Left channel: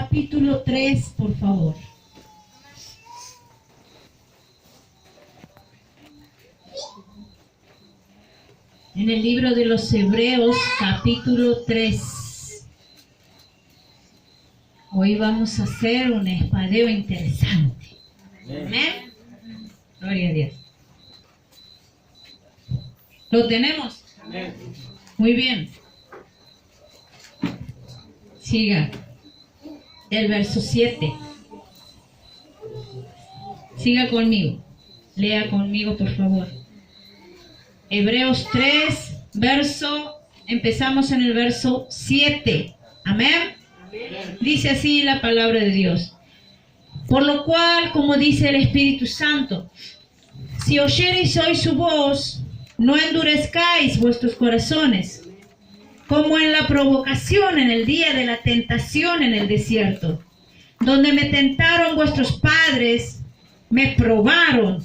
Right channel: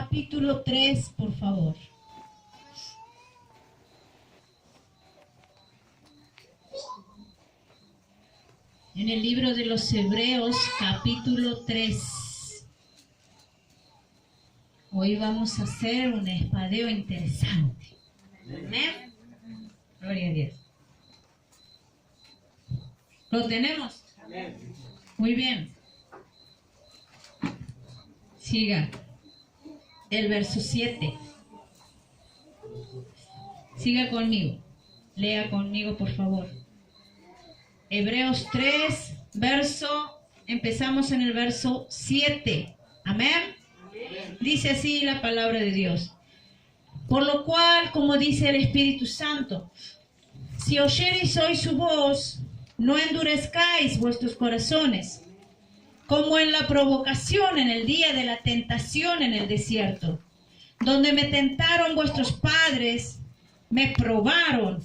capítulo 3, por favor. En el libro de los Hebreos, capítulo 3. Hoy vamos a hacer un espadeo interesante. Amén. Gloria a Dios. ¿Lo tenemos? Amén. Muy bien. Siga. El verso 7. Siga conmigo. Lea conmigo, por favor. Hebreos 3, empezamos en el verso 7. Amén. Dice así la palabra de Dios. Por lo cual, como dice el Espíritu Santo, si oyereis hoy su voz, no endurezcáis vuestros corazones, como en la provocación en el día de la tentación en el desierto, donde me tentaron vuestros padres, me probaron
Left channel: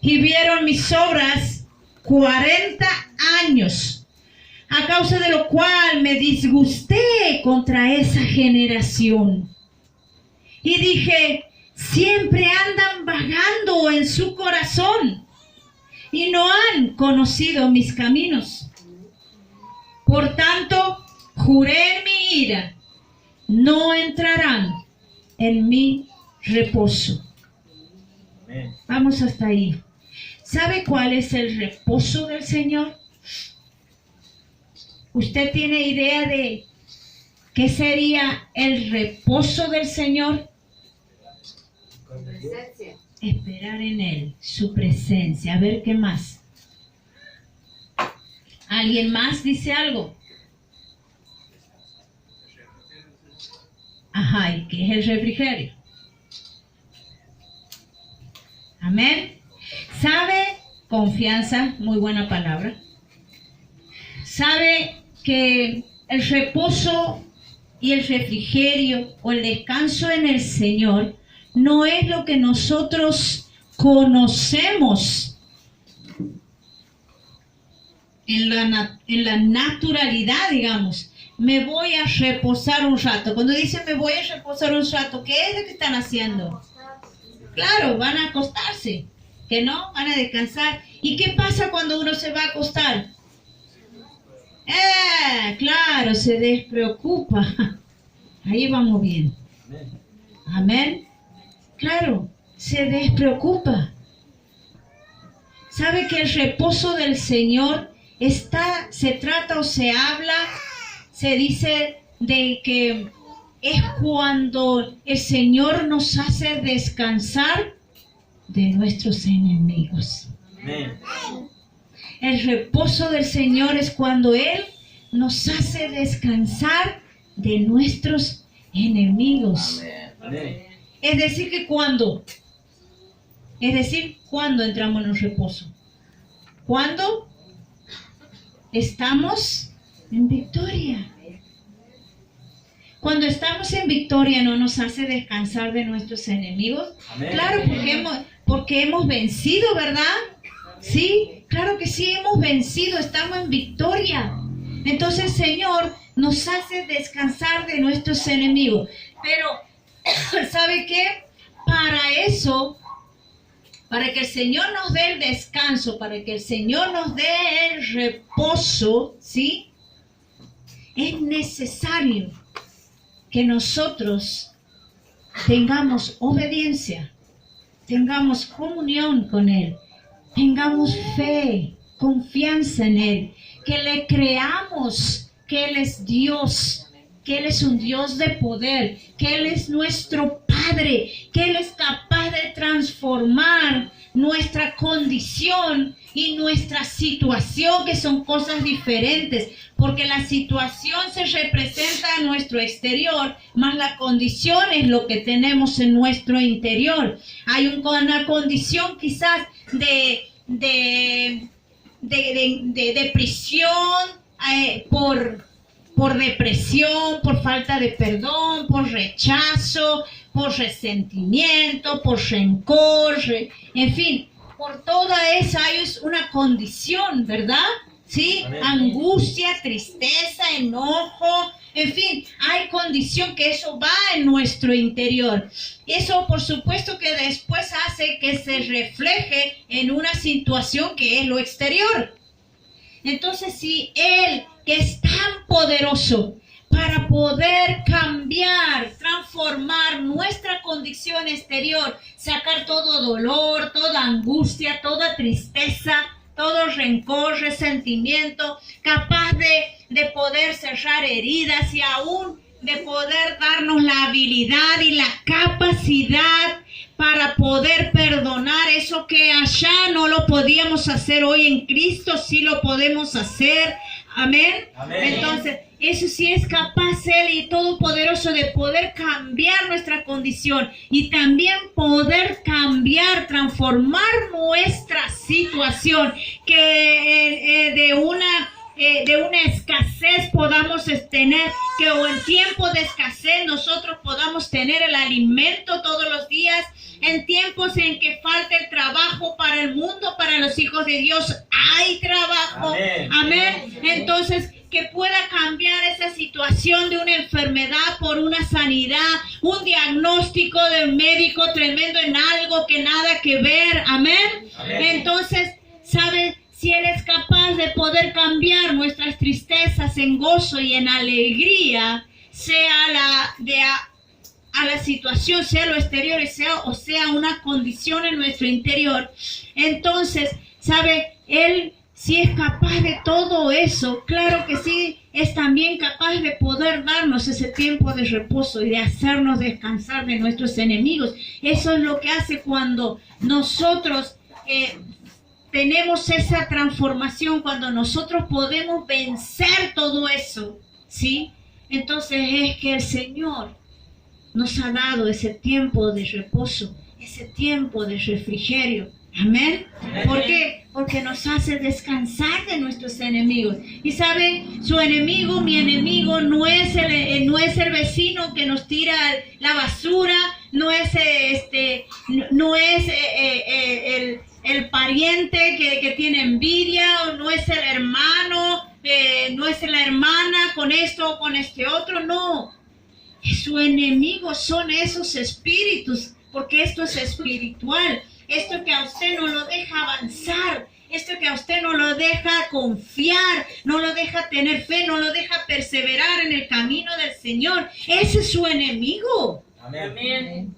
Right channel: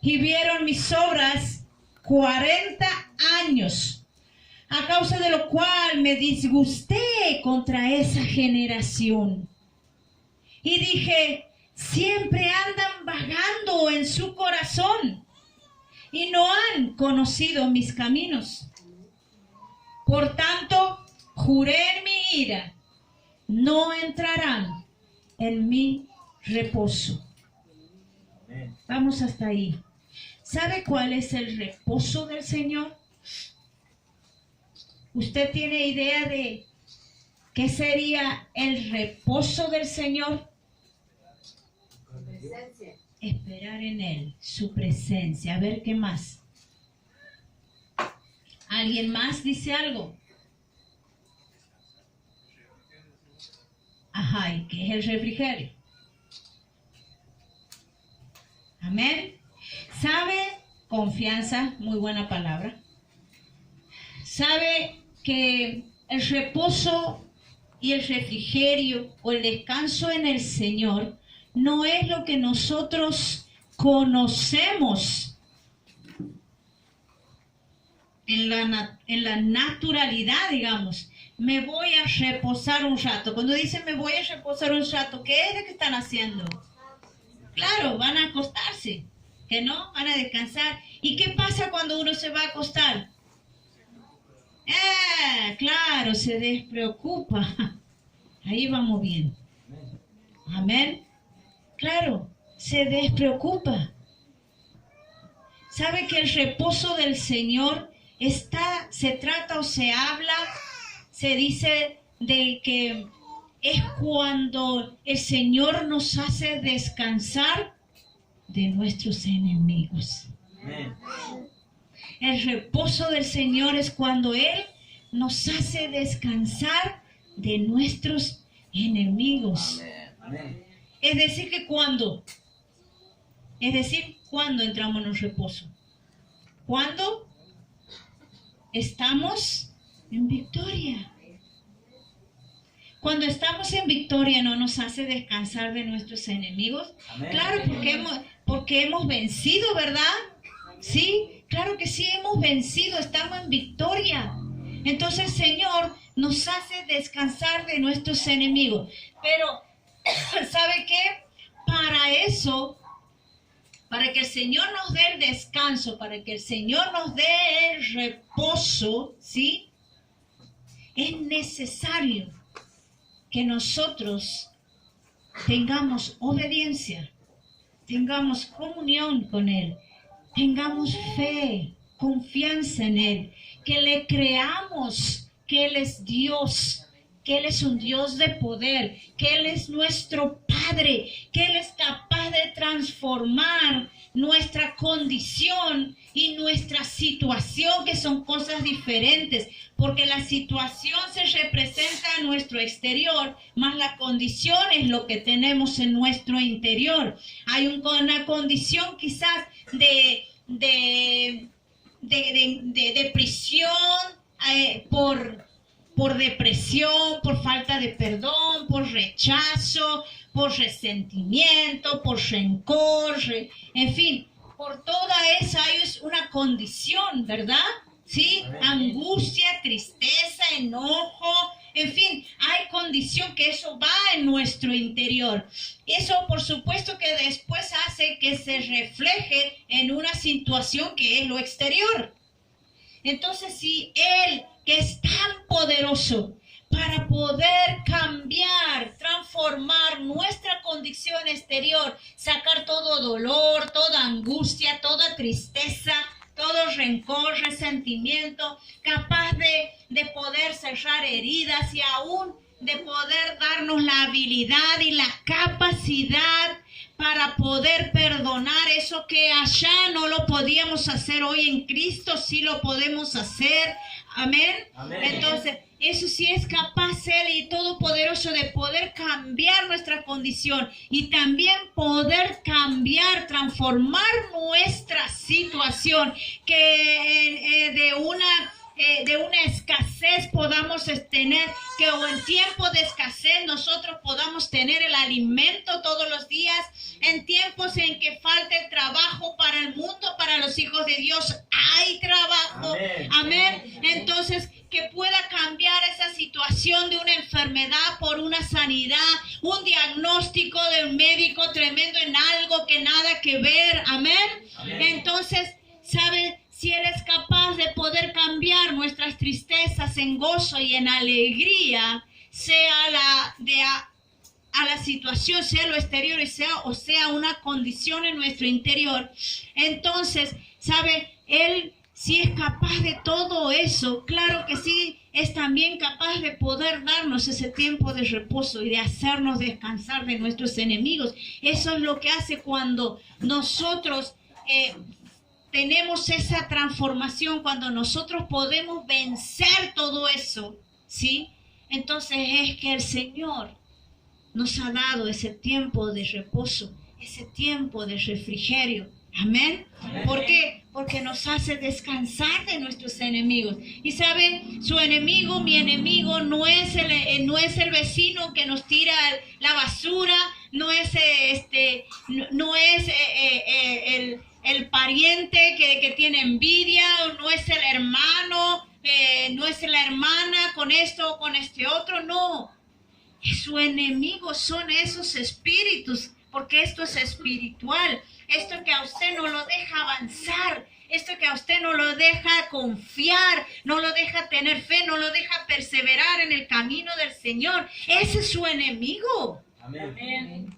y vieron mis obras 40 años, a causa de lo cual me disgusté contra esa generación. Y dije, siempre andan vagando en su corazón y no han conocido mis caminos. Por tanto, juré en mi ira, no entrarán en mi reposo. Vamos hasta ahí. ¿Sabe cuál es el reposo del Señor? ¿Usted tiene idea de qué sería el reposo del Señor? Esperar en Él, su presencia. A ver, ¿qué más? ¿Alguien más dice algo? Ajá, ¿y qué es el refrigerio? Amén. ¿Sabe? Confianza, muy buena palabra. ¿Sabe que el reposo y el refrigerio o el descanso en el Señor no es lo que nosotros conocemos en la naturalidad, digamos? Me voy a reposar un rato. Cuando dicen me voy a reposar un rato, ¿qué es lo que están haciendo? Claro, van a acostarse. Que no, van a descansar. ¿Y qué pasa cuando uno se va a acostar? Claro, se despreocupa. Ahí vamos bien. Amén. Claro, se despreocupa. ¿Sabe que el reposo del Señor se trata o se habla, se dice de que es cuando el Señor nos hace descansar de nuestros enemigos? Amén. El reposo del Señor es cuando Él nos hace descansar de nuestros enemigos. Amén. Es decir, que cuando entramos en un reposo, cuando estamos en victoria. Cuando estamos en victoria, ¿no nos hace descansar de nuestros enemigos? Amén. Claro, porque hemos vencido, ¿verdad? Sí, claro que sí, hemos vencido, estamos en victoria. Entonces el Señor nos hace descansar de nuestros enemigos. Pero, ¿sabe qué? Para eso, para que el Señor nos dé el descanso, para que el Señor nos dé el reposo, ¿sí? Es necesario que nosotros tengamos obediencia, tengamos comunión con Él, tengamos fe, confianza en Él, que le creamos que Él es Dios, que Él es un Dios de poder, que Él es nuestro Padre, que Él es capaz de transformar nuestra condición y nuestra situación, que son cosas diferentes, porque la situación se representa en nuestro exterior, más la condición es lo que tenemos en nuestro interior. Hay una condición quizás de depresión, por depresión, por falta de perdón, por rechazo, por resentimiento, por rencor, en fin, por toda esa hay una condición, ¿verdad? ¿Sí? Amén. Angustia, tristeza, enojo, En fin, hay condición que eso va en nuestro interior. Eso, por supuesto, que después hace que se refleje en una situación que es lo exterior. Entonces, si Él, que es tan poderoso para poder cambiar, transformar nuestra condición exterior, sacar todo dolor, toda angustia, toda tristeza, todo rencor, resentimiento, capaz de poder cerrar heridas y aún de poder darnos la habilidad y la capacidad para poder perdonar eso que allá no lo podíamos hacer, hoy en Cristo sí lo podemos hacer. Amén. Amén. Entonces, eso sí es capaz Él y todopoderoso de poder cambiar nuestra condición y también poder cambiar, transformar nuestra situación, que de una escasez podamos tener, que o en tiempo de escasez nosotros podamos tener el alimento todos los días, en tiempos en que falta el trabajo para el mundo, para los hijos de Dios hay trabajo. Amén. Amén. Entonces, que pueda cambiar esa situación de una enfermedad por una sanidad, un diagnóstico del médico tremendo en algo que nada que ver. Amén. Amén. Entonces, ¿sabe? Si Él es capaz de poder cambiar nuestras tristezas en gozo y en alegría, sea a la situación, sea lo exterior o sea una condición en nuestro interior, entonces, ¿sabe? Él si es capaz de todo eso, claro que sí, es también capaz de poder darnos ese tiempo de reposo y de hacernos descansar de nuestros enemigos. Eso es lo que hace cuando nosotros tenemos esa transformación, cuando nosotros podemos vencer todo eso, ¿sí? Entonces es que el Señor nos ha dado ese tiempo de reposo, ese tiempo de refrigerio. Amén. ¿Por qué? Porque nos hace descansar de nuestros enemigos. Y sabe, su enemigo, mi enemigo, no es el vecino que nos tira la basura, no es el pariente que tiene envidia, o no es el hermano, no es la hermana con esto o con este otro, no. Su enemigo son esos espíritus, porque esto es espiritual. Esto que a usted no lo deja avanzar, esto que a usted no lo deja confiar, no lo deja tener fe, no lo deja perseverar en el camino del Señor, ese es su enemigo. Amén.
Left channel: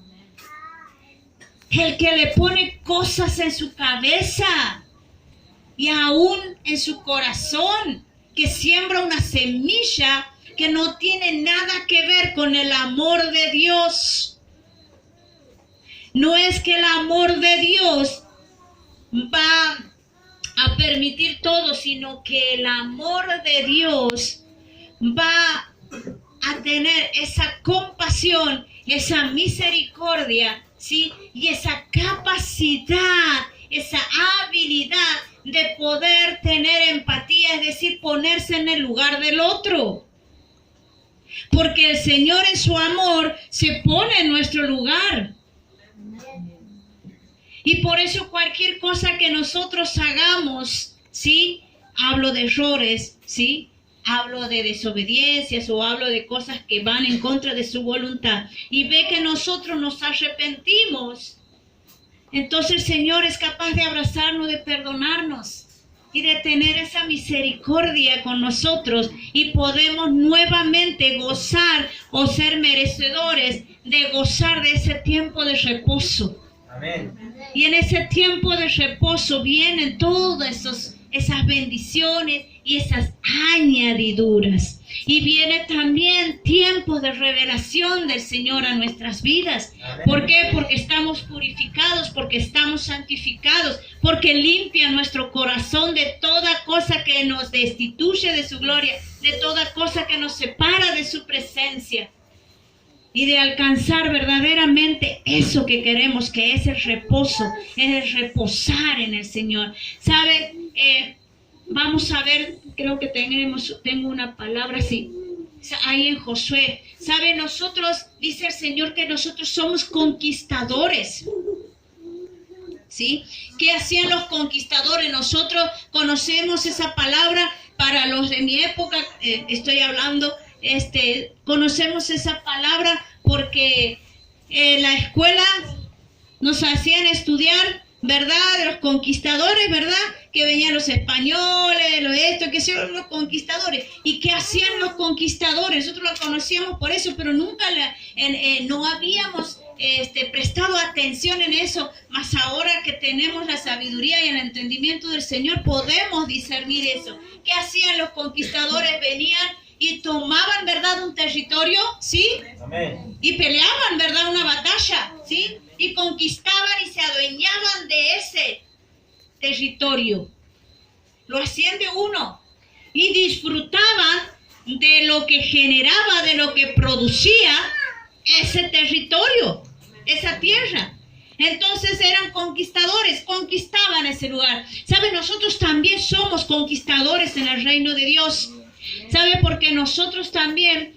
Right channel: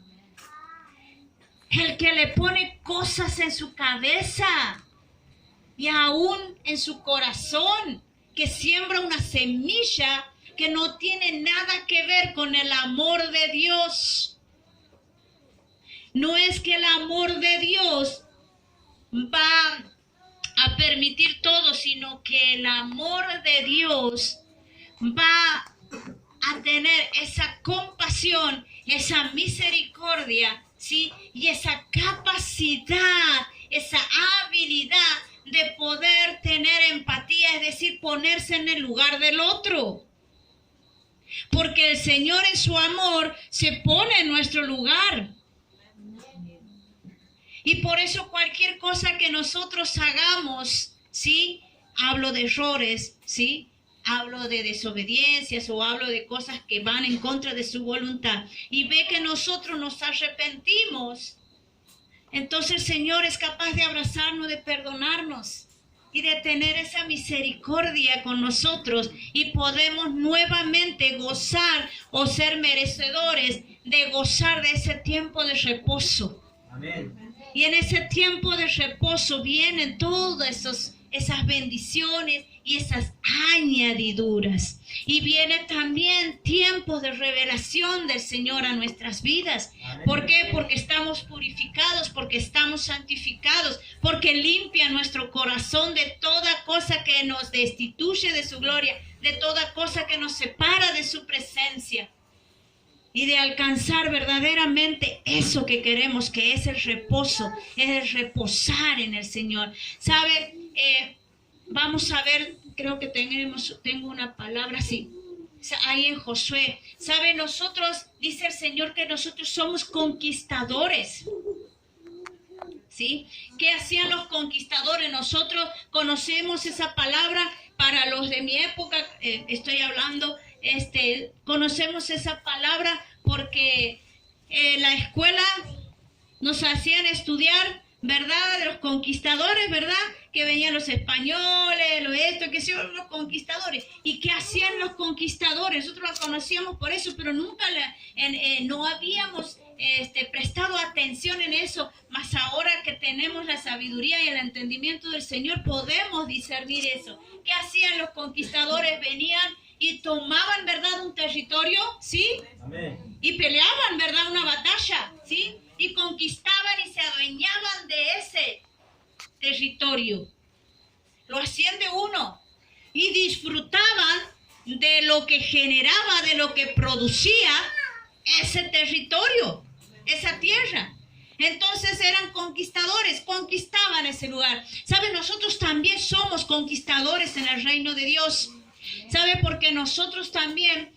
El que le pone cosas en su cabeza y aún en su corazón, que siembra una semilla que no tiene nada que ver con el amor de Dios. No es que el amor de Dios va a permitir todo, sino que el amor de Dios va a tener esa compasión, esa misericordia, ¿sí? Y esa capacidad, esa habilidad de poder tener empatía, es decir, ponerse en el lugar del otro. Porque el Señor en su amor se pone en nuestro lugar. Y por eso cualquier cosa que nosotros hagamos, ¿sí? Hablo de errores, ¿sí? Hablo de desobediencias o hablo de cosas que van en contra de su voluntad. Y ve que nosotros nos arrepentimos. Entonces el Señor es capaz de abrazarnos, de perdonarnos y de tener esa misericordia con nosotros. Y podemos nuevamente gozar o ser merecedores de gozar de ese tiempo de reposo. Amén. Y en ese tiempo de reposo vienen todas esas bendiciones y esas añadiduras. Y viene también tiempo de revelación del Señor a nuestras vidas. Amén. ¿Por qué? Porque estamos purificados, porque estamos santificados, porque limpia nuestro corazón de toda cosa que nos destituye de su gloria, de toda cosa que nos separa de su presencia. Y de alcanzar verdaderamente eso que queremos, que es el reposo, es el reposar en el Señor. ¿Sabe? Vamos a ver, creo que tengo una palabra así, ahí en Josué. ¿Sabe? Nosotros, dice el Señor, que nosotros somos conquistadores. ¿Sí? ¿Qué hacían los conquistadores? Nosotros conocemos esa palabra para los de mi época, estoy hablando conocemos esa palabra porque en la escuela nos hacían estudiar, ¿verdad? De los conquistadores, ¿verdad? Que venían los españoles, que hacían los conquistadores. ¿Y qué hacían los conquistadores? Nosotros los conocíamos por eso, pero nunca no habíamos prestado atención en eso. Mas ahora que tenemos la sabiduría y el entendimiento del Señor, podemos discernir eso. ¿Qué hacían los conquistadores? Venían y tomaban, ¿verdad?, un territorio, ¿sí? Amén. Y peleaban, ¿verdad?, una batalla, ¿sí? Y conquistaban y se adueñaban de ese territorio. Lo hacían de uno. Y disfrutaban de lo que generaba, de lo que producía ese territorio, esa tierra. Entonces eran conquistadores, conquistaban ese lugar. ¿Sabe? Nosotros también somos conquistadores en el reino de Dios. ¿Sabe? Porque nosotros también,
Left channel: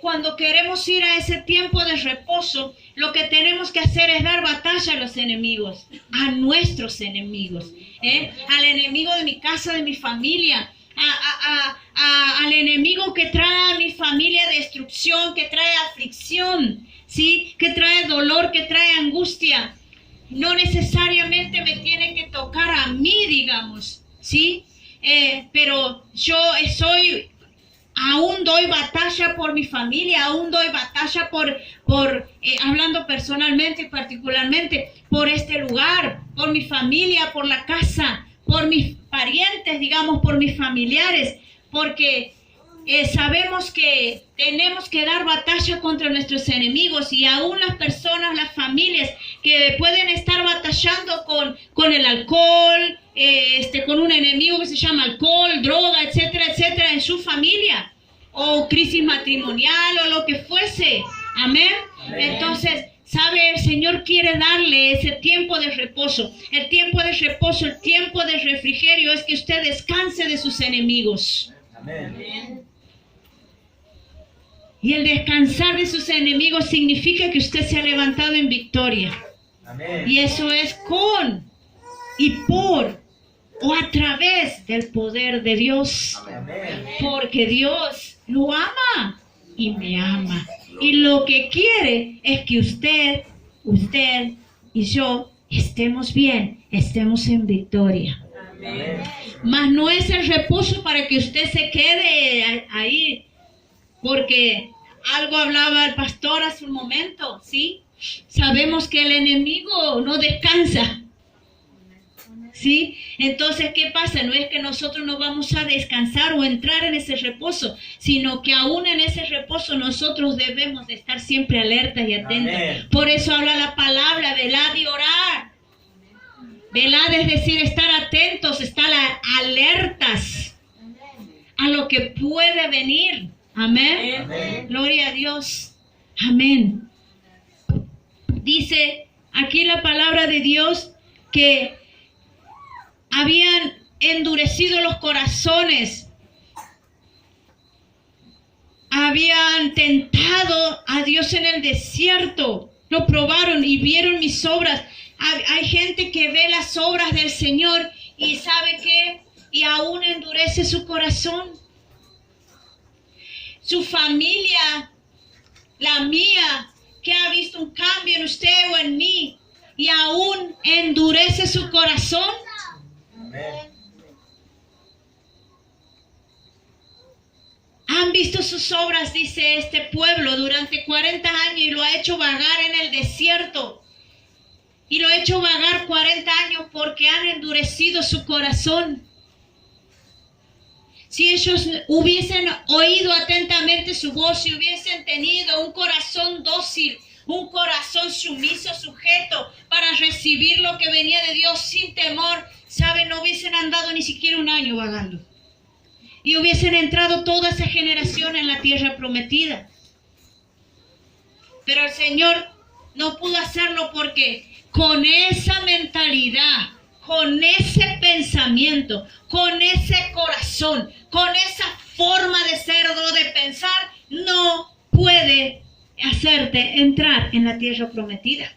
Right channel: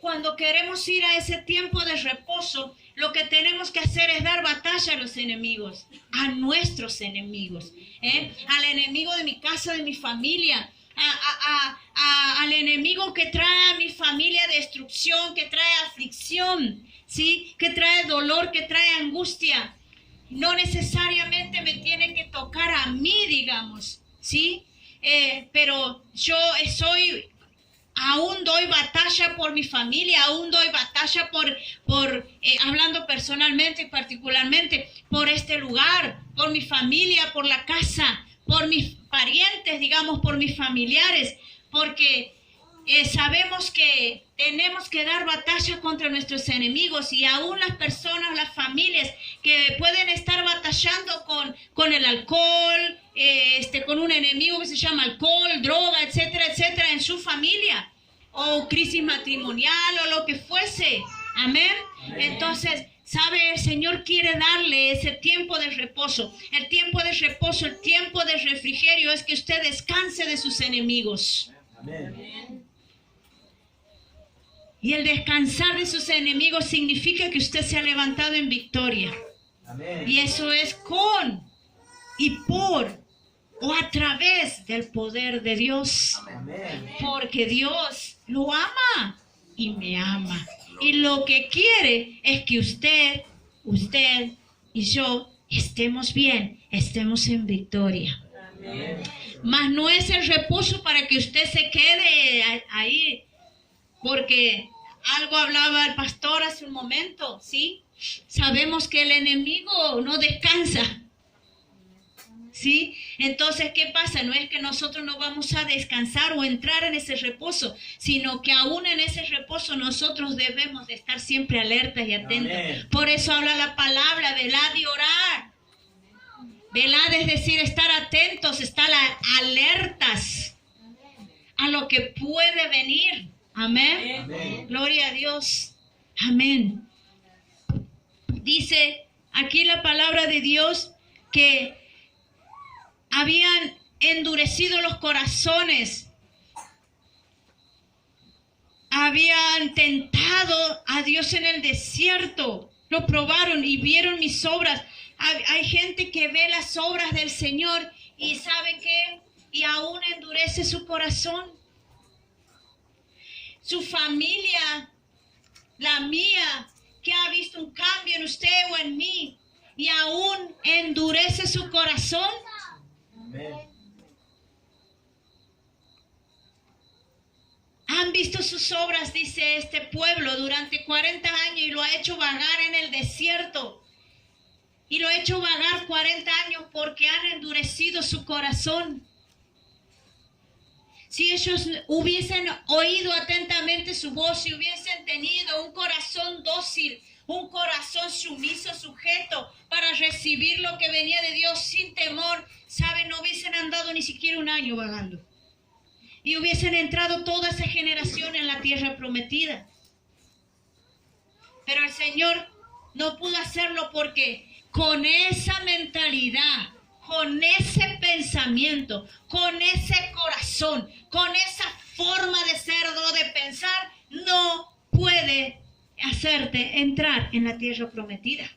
cuando queremos ir a ese tiempo de reposo, lo que tenemos que hacer es dar batalla a los enemigos, a nuestros enemigos, al enemigo de mi casa, de mi familia, al enemigo que trae a mi familia destrucción, que trae aflicción, ¿sí? Que trae dolor, que trae angustia. No necesariamente me tiene que tocar a mí, digamos, ¿sí? Pero yo aún doy batalla por mi familia, aún doy batalla hablando personalmente y particularmente, por este lugar, por mi familia, por la casa, por mis parientes, digamos, por mis familiares, porque sabemos que tenemos que dar batalla contra nuestros enemigos, y aún las personas, las familias que pueden estar batallando con el alcohol, con un enemigo que se llama alcohol, droga, etcétera, etcétera, en su familia, o crisis matrimonial, o lo que fuese. Amén. Entonces, ¿sabe? El Señor quiere darle ese tiempo de reposo. El tiempo de reposo, el tiempo de refrigerio es que usted descanse de sus enemigos. Amén. Y el descansar de sus enemigos significa que usted se ha levantado en victoria. Amén. Y eso es con y por o a través del poder de Dios. Amén. Porque Dios lo ama y me ama. Y lo que quiere es que usted y yo estemos bien, estemos en victoria. Amén. Mas no es el reposo para que usted se quede ahí, porque algo hablaba el pastor hace un momento, ¿sí? Sabemos que el enemigo no descansa, ¿sí? Entonces, ¿qué pasa? No es que nosotros no vamos a descansar o entrar en ese reposo, sino que aún en ese reposo nosotros debemos de estar siempre alertas y atentos. Amén. Por eso habla la palabra, velad y orar. Velad es decir, estar atentos, estar alertas a lo que puede venir. Amén. Amén. Gloria a Dios. Amén. Dice aquí la palabra de Dios que habían endurecido los corazones, habían tentado a Dios en el desierto, lo probaron y vieron mis obras. Hay gente que ve las obras del Señor y sabe que, y aún endurece su corazón. Su familia, la mía, que ha visto un cambio en usted o en mí, y aún endurece su corazón. Amén. Han visto sus obras, dice este pueblo, durante 40 años y lo ha hecho vagar en el desierto. Y lo ha hecho vagar 40 años porque han endurecido su corazón. Si ellos hubiesen oído atentamente su voz, si hubiesen tenido un corazón dócil, un corazón sumiso, sujeto, para recibir lo que venía de Dios sin temor, ¿saben? No hubiesen andado ni siquiera un año vagando. Y hubiesen entrado toda esa generación en la tierra prometida. Pero el Señor no pudo hacerlo porque con esa mentalidad, con ese pensamiento, con ese corazón, con esa forma de ser o de pensar, no puede hacerte entrar en la tierra prometida.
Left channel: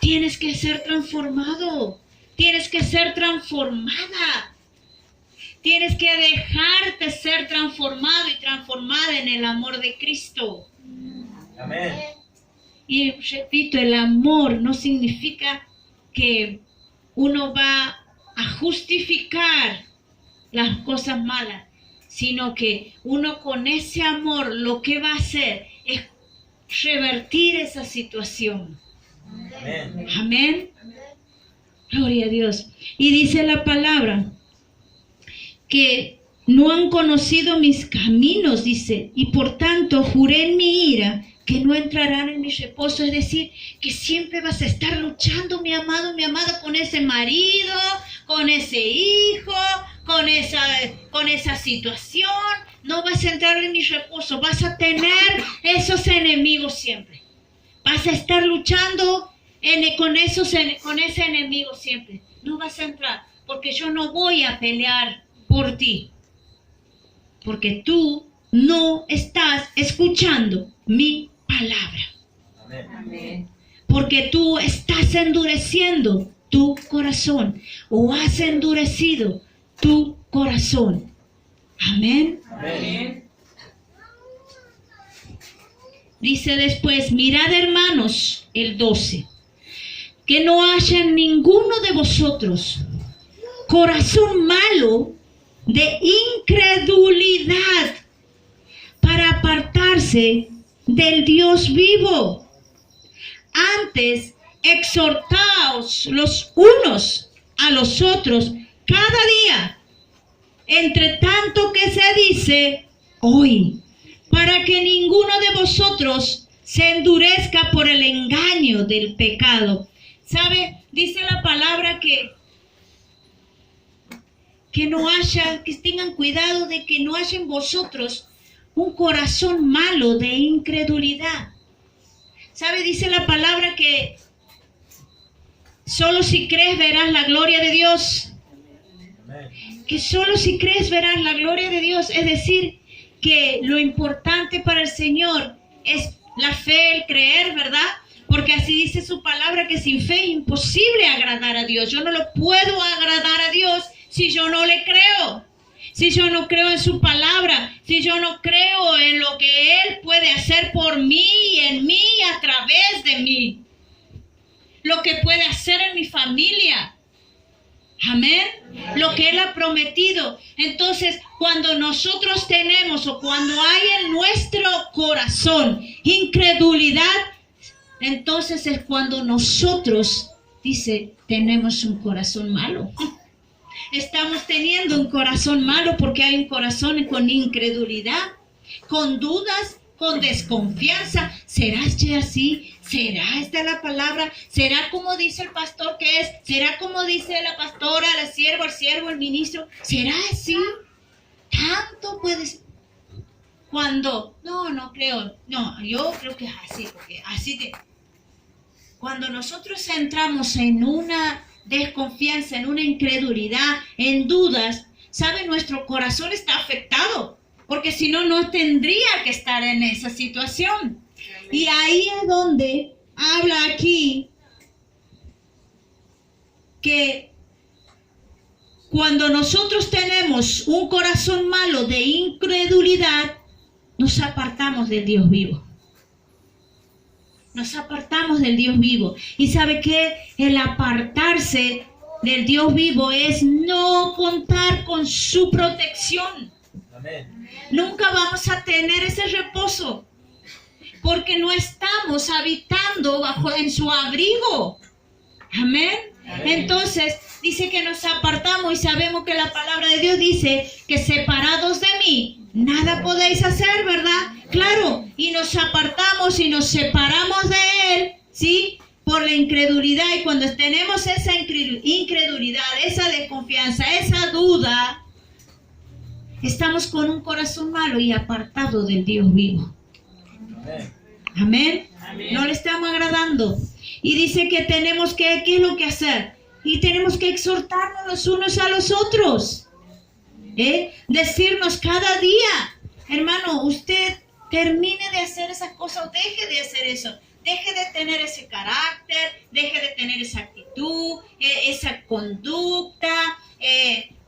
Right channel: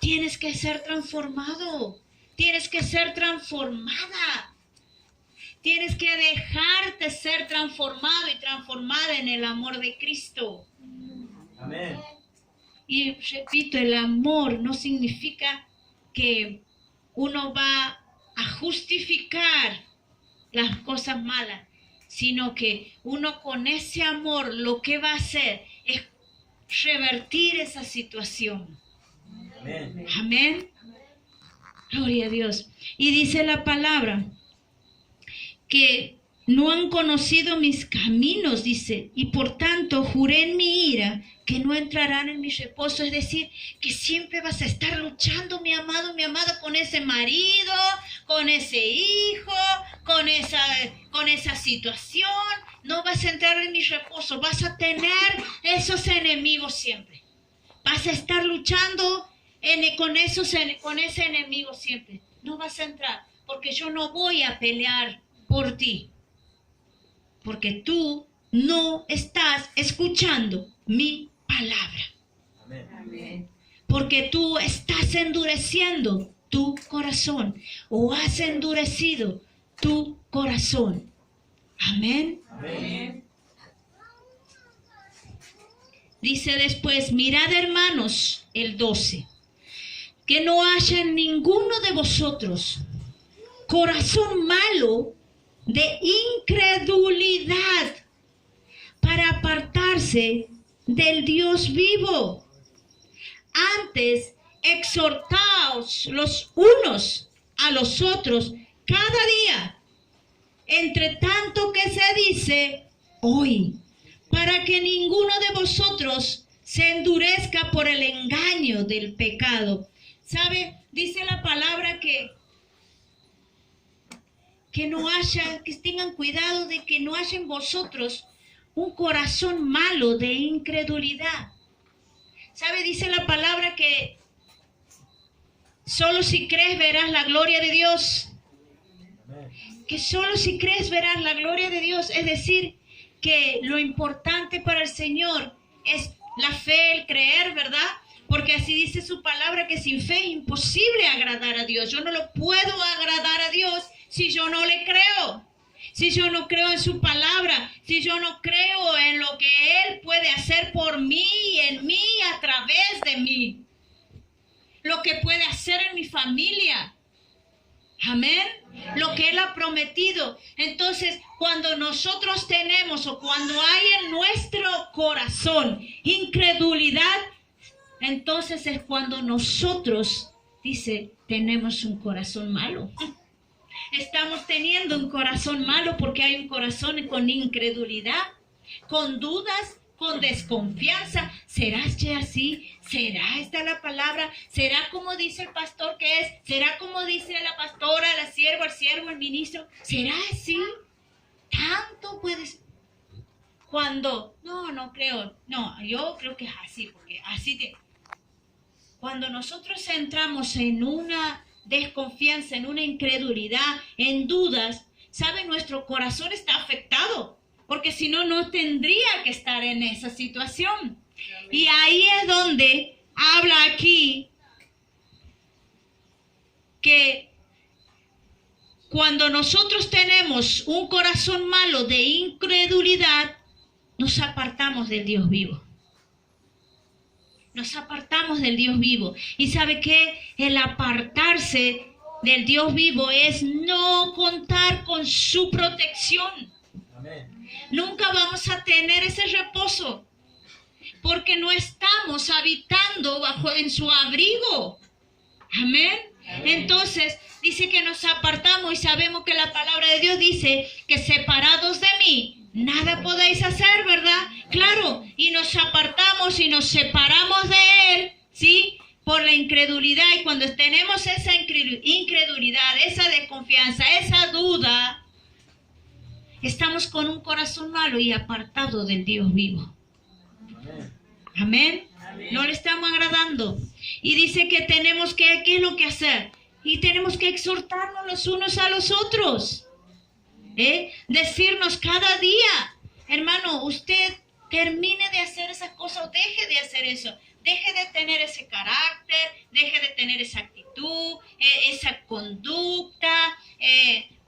Tienes que ser transformado, tienes que ser transformada. Tienes que dejarte ser transformado y transformada en el amor de Cristo. Amén. Y repito, el amor no significa que uno va a justificar las cosas malas, sino que uno con ese amor lo que va a hacer es revertir esa situación. Amén. Amén. Gloria a Dios. Y dice la palabra que no han conocido mis caminos, dice, y por tanto juré en mi ira que no entrarán en mi reposo. Es decir, que siempre vas a estar luchando, mi amado, con ese marido, con ese hijo, con esa situación. No vas a entrar en mi reposo, vas a tener esos enemigos siempre. Vas a estar luchando con ese enemigo siempre. No vas a entrar, porque yo no voy a pelear por ti. Porque tú no estás escuchando mi palabra. Amén. Porque tú estás endureciendo tu corazón o has endurecido tu corazón. Amén. Amén. Dice después, mirad hermanos, el 12, que no haya en ninguno de vosotros corazón malo de incredulidad para apartarse del Dios vivo. Antes, exhortaos los unos a los otros cada día, entre tanto que se dice hoy, para que ninguno de vosotros se endurezca por el engaño del pecado. ¿Sabe? Dice la palabra que tengan cuidado de que no haya en vosotros un corazón malo de incredulidad. ¿Sabe? Dice la palabra que solo si crees verás la gloria de Dios. Que solo si crees verás la gloria de Dios. Es decir, que lo importante para el Señor es la fe, el creer, ¿verdad? Porque así dice su palabra, que sin fe es imposible agradar a Dios. Yo no lo puedo agradar a Dios si yo no le creo. Si yo no creo en su palabra, si yo no creo en lo que Él puede hacer por mí y en mí, a través de mí. Lo que puede hacer en mi familia. Amén. Lo que Él ha prometido. Entonces, cuando nosotros tenemos o cuando hay en nuestro corazón incredulidad, entonces es cuando nosotros, dice, tenemos un corazón malo. Estamos teniendo un corazón malo porque hay un corazón con incredulidad, con dudas, con desconfianza. ¿Será este así? ¿Será esta la palabra? ¿Será como dice el pastor que es? ¿Será como dice la pastora, la sierva, el siervo, el ministro? ¿Será así? Tanto puede ser. Cuando, no creo, no, yo creo que es así, porque así que cuando nosotros entramos en una desconfianza, en una incredulidad, en dudas, ¿sabe? Nuestro corazón está afectado, porque si no, no tendría que estar en esa situación. Y ahí es donde habla aquí que cuando nosotros tenemos un corazón malo de incredulidad, nos apartamos del Dios vivo. Nos apartamos del Dios vivo. ¿Y sabe qué? El apartarse del Dios vivo es no contar con su protección. Amén. Nunca vamos a tener ese reposo, porque no estamos habitando en su abrigo. Amén. Entonces, dice que nos apartamos y sabemos que la palabra de Dios dice que separados de mí, nada podéis hacer, ¿verdad? Claro, y nos apartamos y nos separamos de Él, ¿sí? Por la incredulidad. Y cuando tenemos esa incredulidad, esa desconfianza, esa duda, estamos con un corazón malo y apartado del Dios vivo. Amén. Amén. No le estamos agradando. Y dice que tenemos que, ¿qué es lo que hacer? Y tenemos que exhortarnos los unos a los otros. Decirnos cada día, hermano, usted termine de hacer esas cosas o deje de hacer eso. Deje de tener ese carácter, deje de tener esa actitud, esa conducta,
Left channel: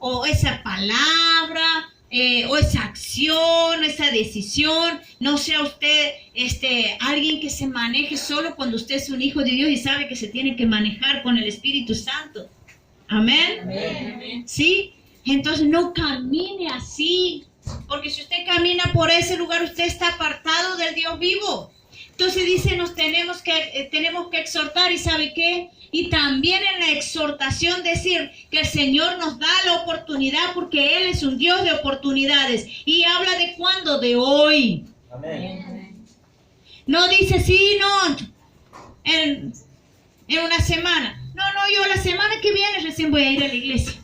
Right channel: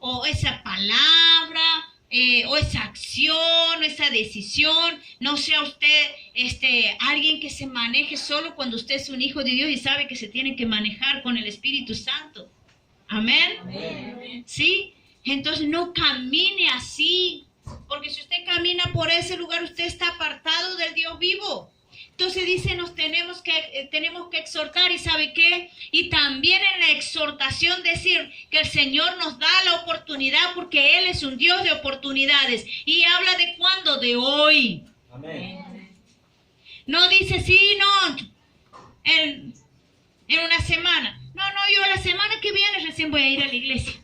o esa palabra, o esa acción, esa decisión. No sea usted alguien que se maneje solo cuando usted es un hijo de Dios y sabe que se tiene que manejar con el Espíritu Santo. Amén. Amén. ¿Sí? Entonces no camine así, porque si usted camina por ese lugar, usted está apartado del Dios vivo. Entonces dice, nos tenemos que exhortar, ¿y sabe qué? Y también en la exhortación decir que el Señor nos da la oportunidad, porque Él es un Dios de oportunidades. Y habla de cuándo, de hoy. Amén. No dice, sí, no, en una semana. No, yo la semana que viene recién voy a ir a la iglesia.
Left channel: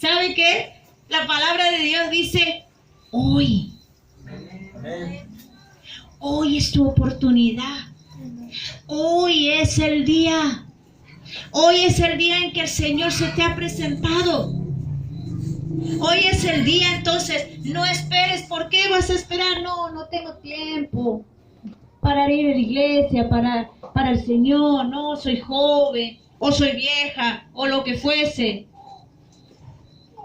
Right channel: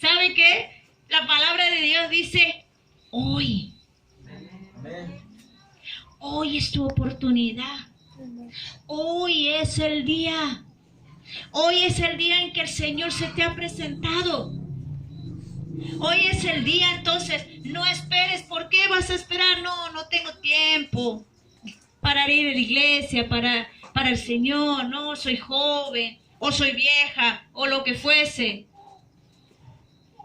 ¿Sabe qué? La palabra de Dios dice, hoy. Amén. Hoy es tu oportunidad. Hoy es el día. Hoy es el día en que el Señor se te ha presentado. Hoy es el día, entonces no esperes. ¿Por qué vas a esperar? No tengo tiempo para ir a la iglesia, para el Señor. No, soy joven, o soy vieja, o lo que fuese.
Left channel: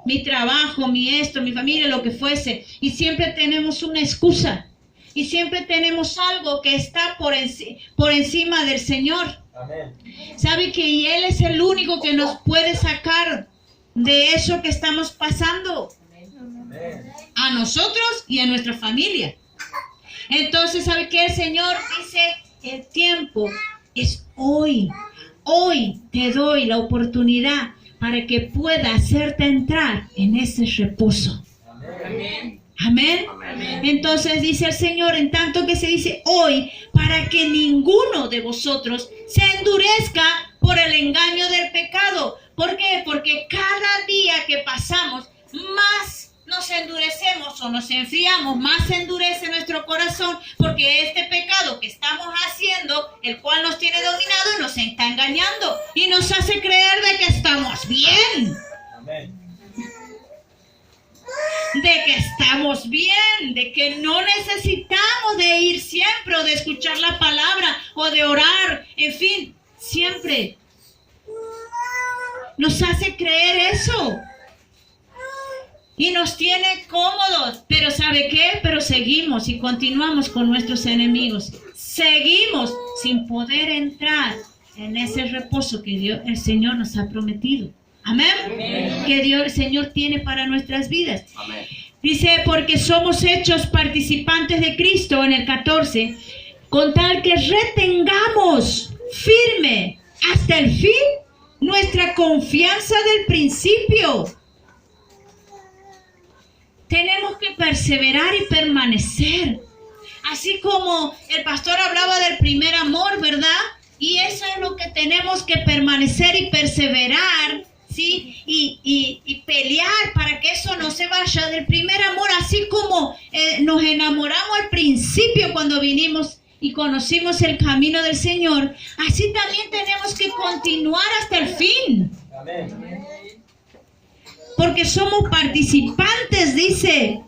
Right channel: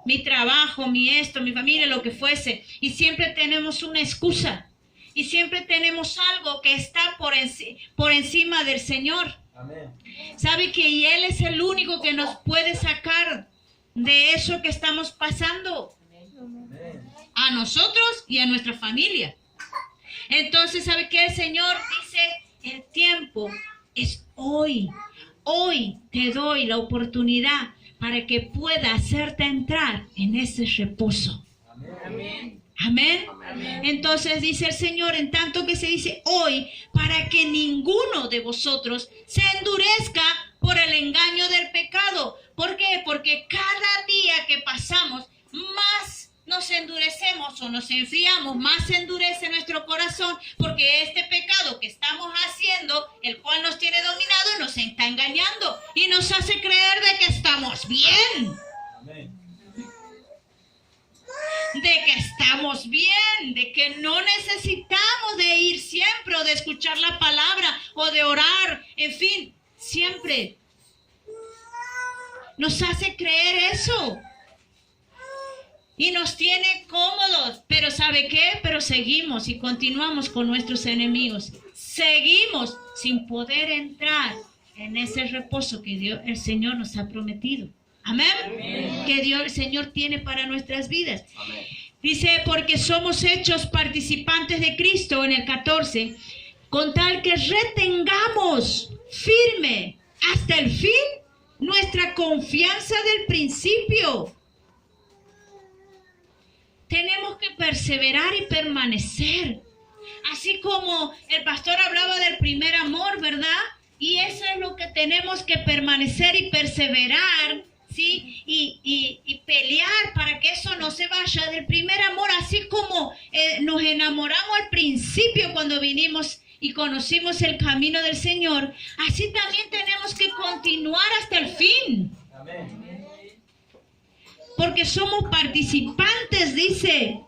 Mi trabajo, mi esto, mi familia, lo que fuese. Y siempre tenemos una excusa. Y siempre tenemos algo que está por encima del Señor. Amén. ¿Sabe que Él es el único que nos puede sacar de eso que estamos pasando? Amén. A nosotros y a nuestra familia. Entonces, ¿sabe qué? El Señor dice, el tiempo es hoy. Hoy te doy la oportunidad para que pueda hacerte entrar en ese reposo. Amén. Amén. Amén. Entonces dice el Señor, en tanto que se dice hoy, para que ninguno de vosotros se endurezca por el engaño del pecado. ¿Por qué? Porque cada día que pasamos, más nos endurecemos o nos enfriamos, más se endurece nuestro corazón, porque este pecado que estamos haciendo, el cual nos tiene dominado, nos está engañando y nos hace creer de que estamos bien. Amén. De que estamos bien, de que no necesitamos de ir siempre o de escuchar la palabra o de orar, en fin, siempre nos hace creer eso y nos tiene cómodos. Pero ¿sabe qué? Pero seguimos y continuamos con nuestros enemigos, seguimos sin poder entrar en ese reposo que el Señor nos ha prometido. Amén. Amén. Que el Señor tiene para nuestras vidas. Amén. Dice, porque somos hechos participantes de Cristo, en el 14, con tal que retengamos firme hasta el fin nuestra confianza del principio. Tenemos que perseverar y permanecer. Así como el pastor hablaba del primer amor, ¿verdad? Y eso es lo que tenemos que permanecer y perseverar, ¿sí? Y pelear para que eso no se vaya del primer amor, así como nos enamoramos al principio cuando vinimos y conocimos el camino del Señor, así también tenemos que continuar hasta el fin. Amén. Porque somos participantes, dice,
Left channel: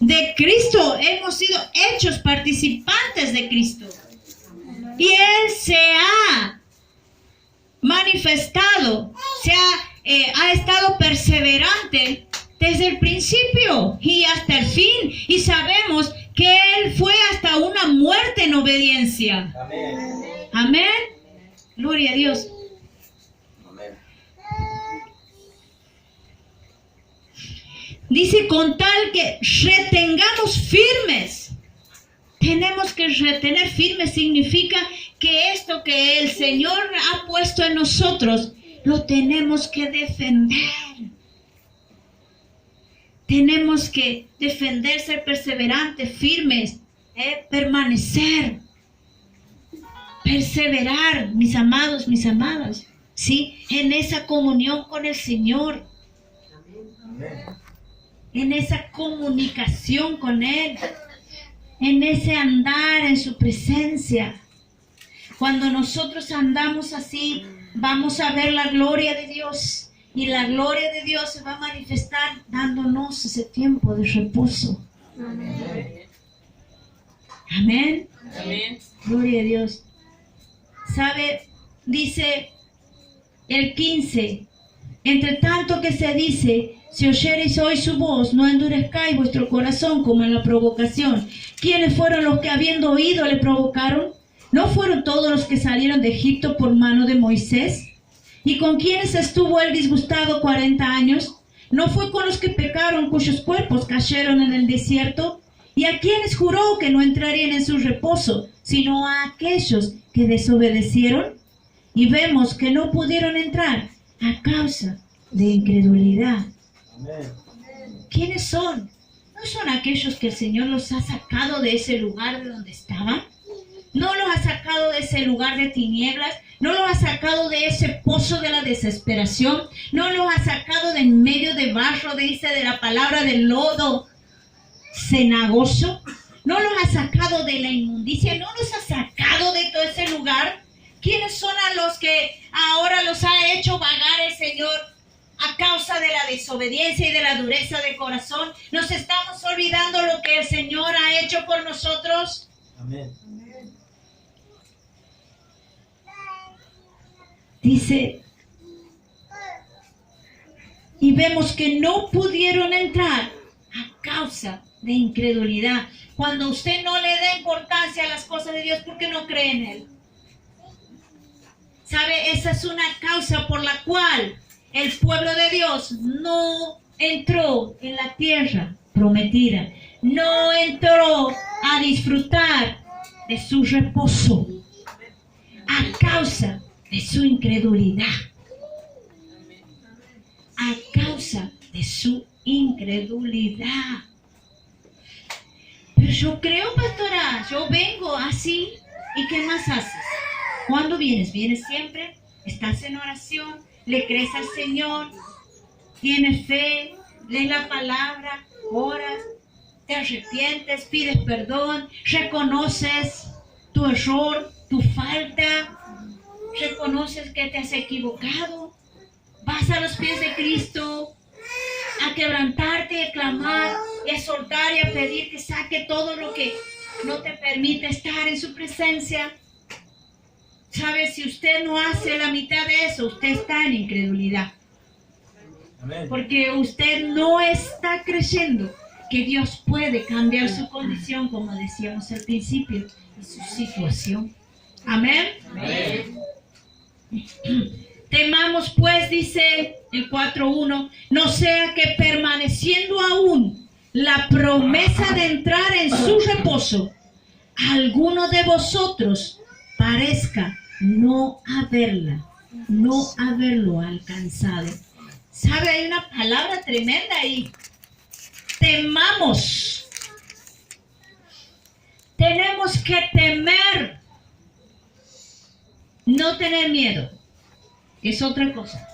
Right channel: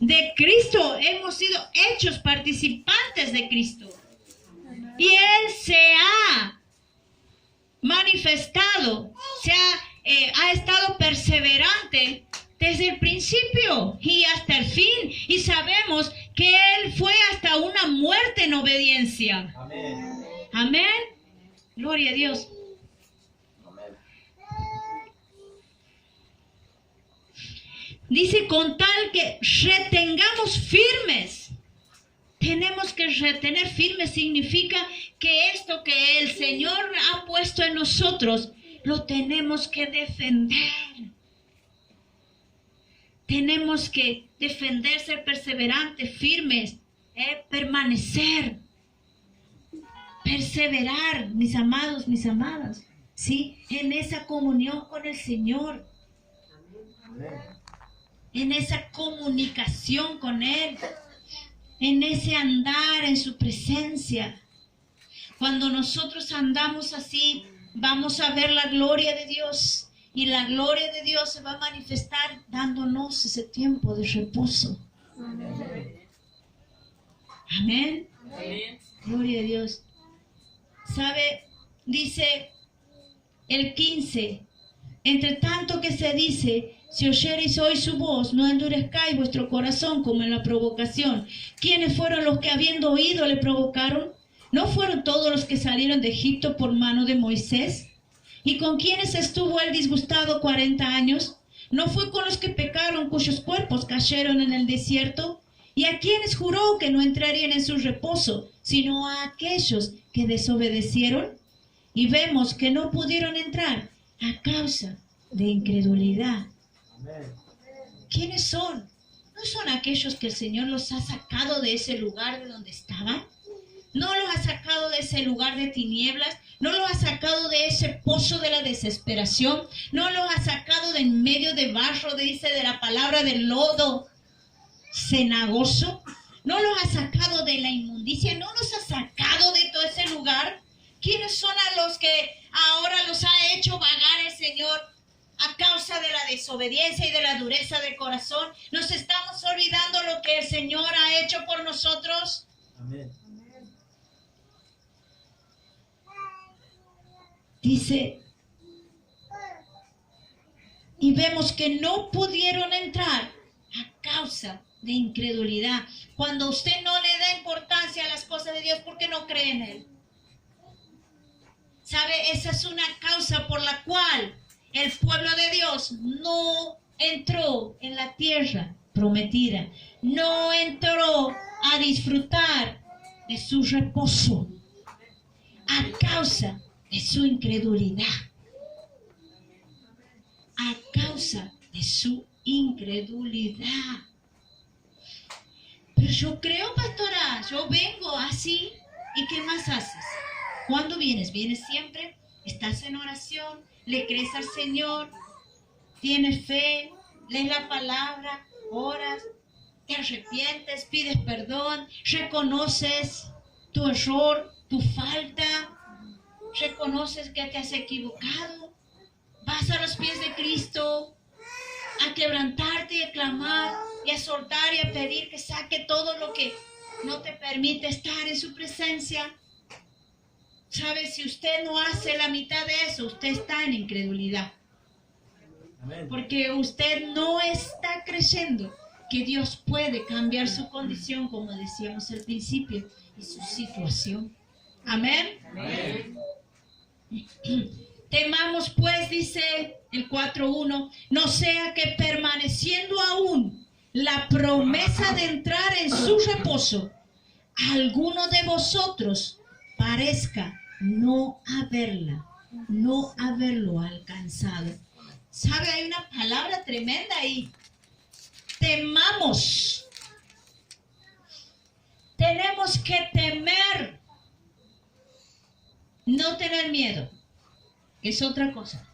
de Cristo. Hemos sido hechos participantes de Cristo. Y Él se ha manifestado, ha estado perseverante desde el principio y hasta el fin. Y sabemos que Él fue hasta una muerte en obediencia. Amén. Amén. Gloria a Dios. Amén. Dice, con tal que retengamos firmes. Tenemos que retener firmes, significa que esto que el Señor ha puesto en nosotros, lo tenemos que defender. Tenemos que defender, ser perseverantes, firmes, permanecer, perseverar, mis amados, mis amadas, ¿sí? En esa comunión con el Señor, Amén. en esa comunicación con Él, en ese andar en su presencia. Cuando nosotros andamos así, vamos a ver la gloria de Dios. Y la gloria de Dios se va a manifestar dándonos ese tiempo de reposo. Amén. Amén. Amén. Gloria a Dios. ¿Sabe? Dice el 15. Entre tanto que se dice, si oyereis hoy su voz, no endurezcáis vuestro corazón como en la provocación. ¿Quiénes fueron los que habiendo oído le provocaron? ¿No fueron todos los que salieron de Egipto por mano de Moisés? ¿Y con quiénes estuvo él disgustado 40 años? ¿No fue con los que pecaron, cuyos cuerpos cayeron en el desierto? ¿Y a quienes juró que no entrarían en su reposo, sino a aquellos que desobedecieron? Y vemos que no pudieron entrar a causa de incredulidad. Amén. ¿Quiénes son? ¿No son aquellos que el Señor los ha sacado de ese lugar de donde estaban? ¿No los ha sacado de ese lugar de tinieblas? ¿No los ha sacado de ese pozo de la desesperación? ¿No los ha sacado de en medio de barro, dice de la palabra, del lodo cenagoso? ¿No los ha sacado de la inmundicia? ¿No los ha sacado de todo ese lugar? ¿Quiénes son a los que ahora los ha hecho vagar el Señor a causa de la desobediencia y de la dureza de corazón? ¿Nos estamos olvidando lo que el Señor ha hecho por nosotros? Amén. Dice, y vemos que no pudieron entrar a causa de incredulidad. Cuando usted no le da importancia a las cosas de Dios, ¿por qué no cree en Él? ¿Sabe? Esa es una causa por la cual el pueblo de Dios no entró en la tierra prometida. No entró a disfrutar de su reposo a causa de su incredulidad. A causa de su incredulidad. Pero yo creo, pastora, yo vengo así. ¿Y qué más haces? ¿Cuándo vienes? ¿Vienes siempre? ¿Estás en oración? ¿Le crees al Señor? ¿Tienes fe? ¿Lees la palabra? ¿Oras? ¿Te arrepientes? ¿Pides perdón? ¿Reconoces tu error? ¿Tu falta? ¿Reconoces que te has equivocado? ¿Vas a los pies de Cristo a quebrantarte, a clamar y a soltar y a pedir que saque todo lo que no te permite estar en su presencia? ¿Sabe? Si usted no hace la mitad de eso, usted está en incredulidad. Amén. Porque usted no está creyendo que Dios puede cambiar su condición, como decíamos al principio, y su situación. Amén. Amén. Temamos pues, dice el 4:1, no sea que permaneciendo aún la promesa de entrar en su reposo, alguno de vosotros parezca no haberlo alcanzado. ¿Sabe? Hay una palabra tremenda ahí. Temamos. Tenemos que temer. No tener miedo. Es otra cosa.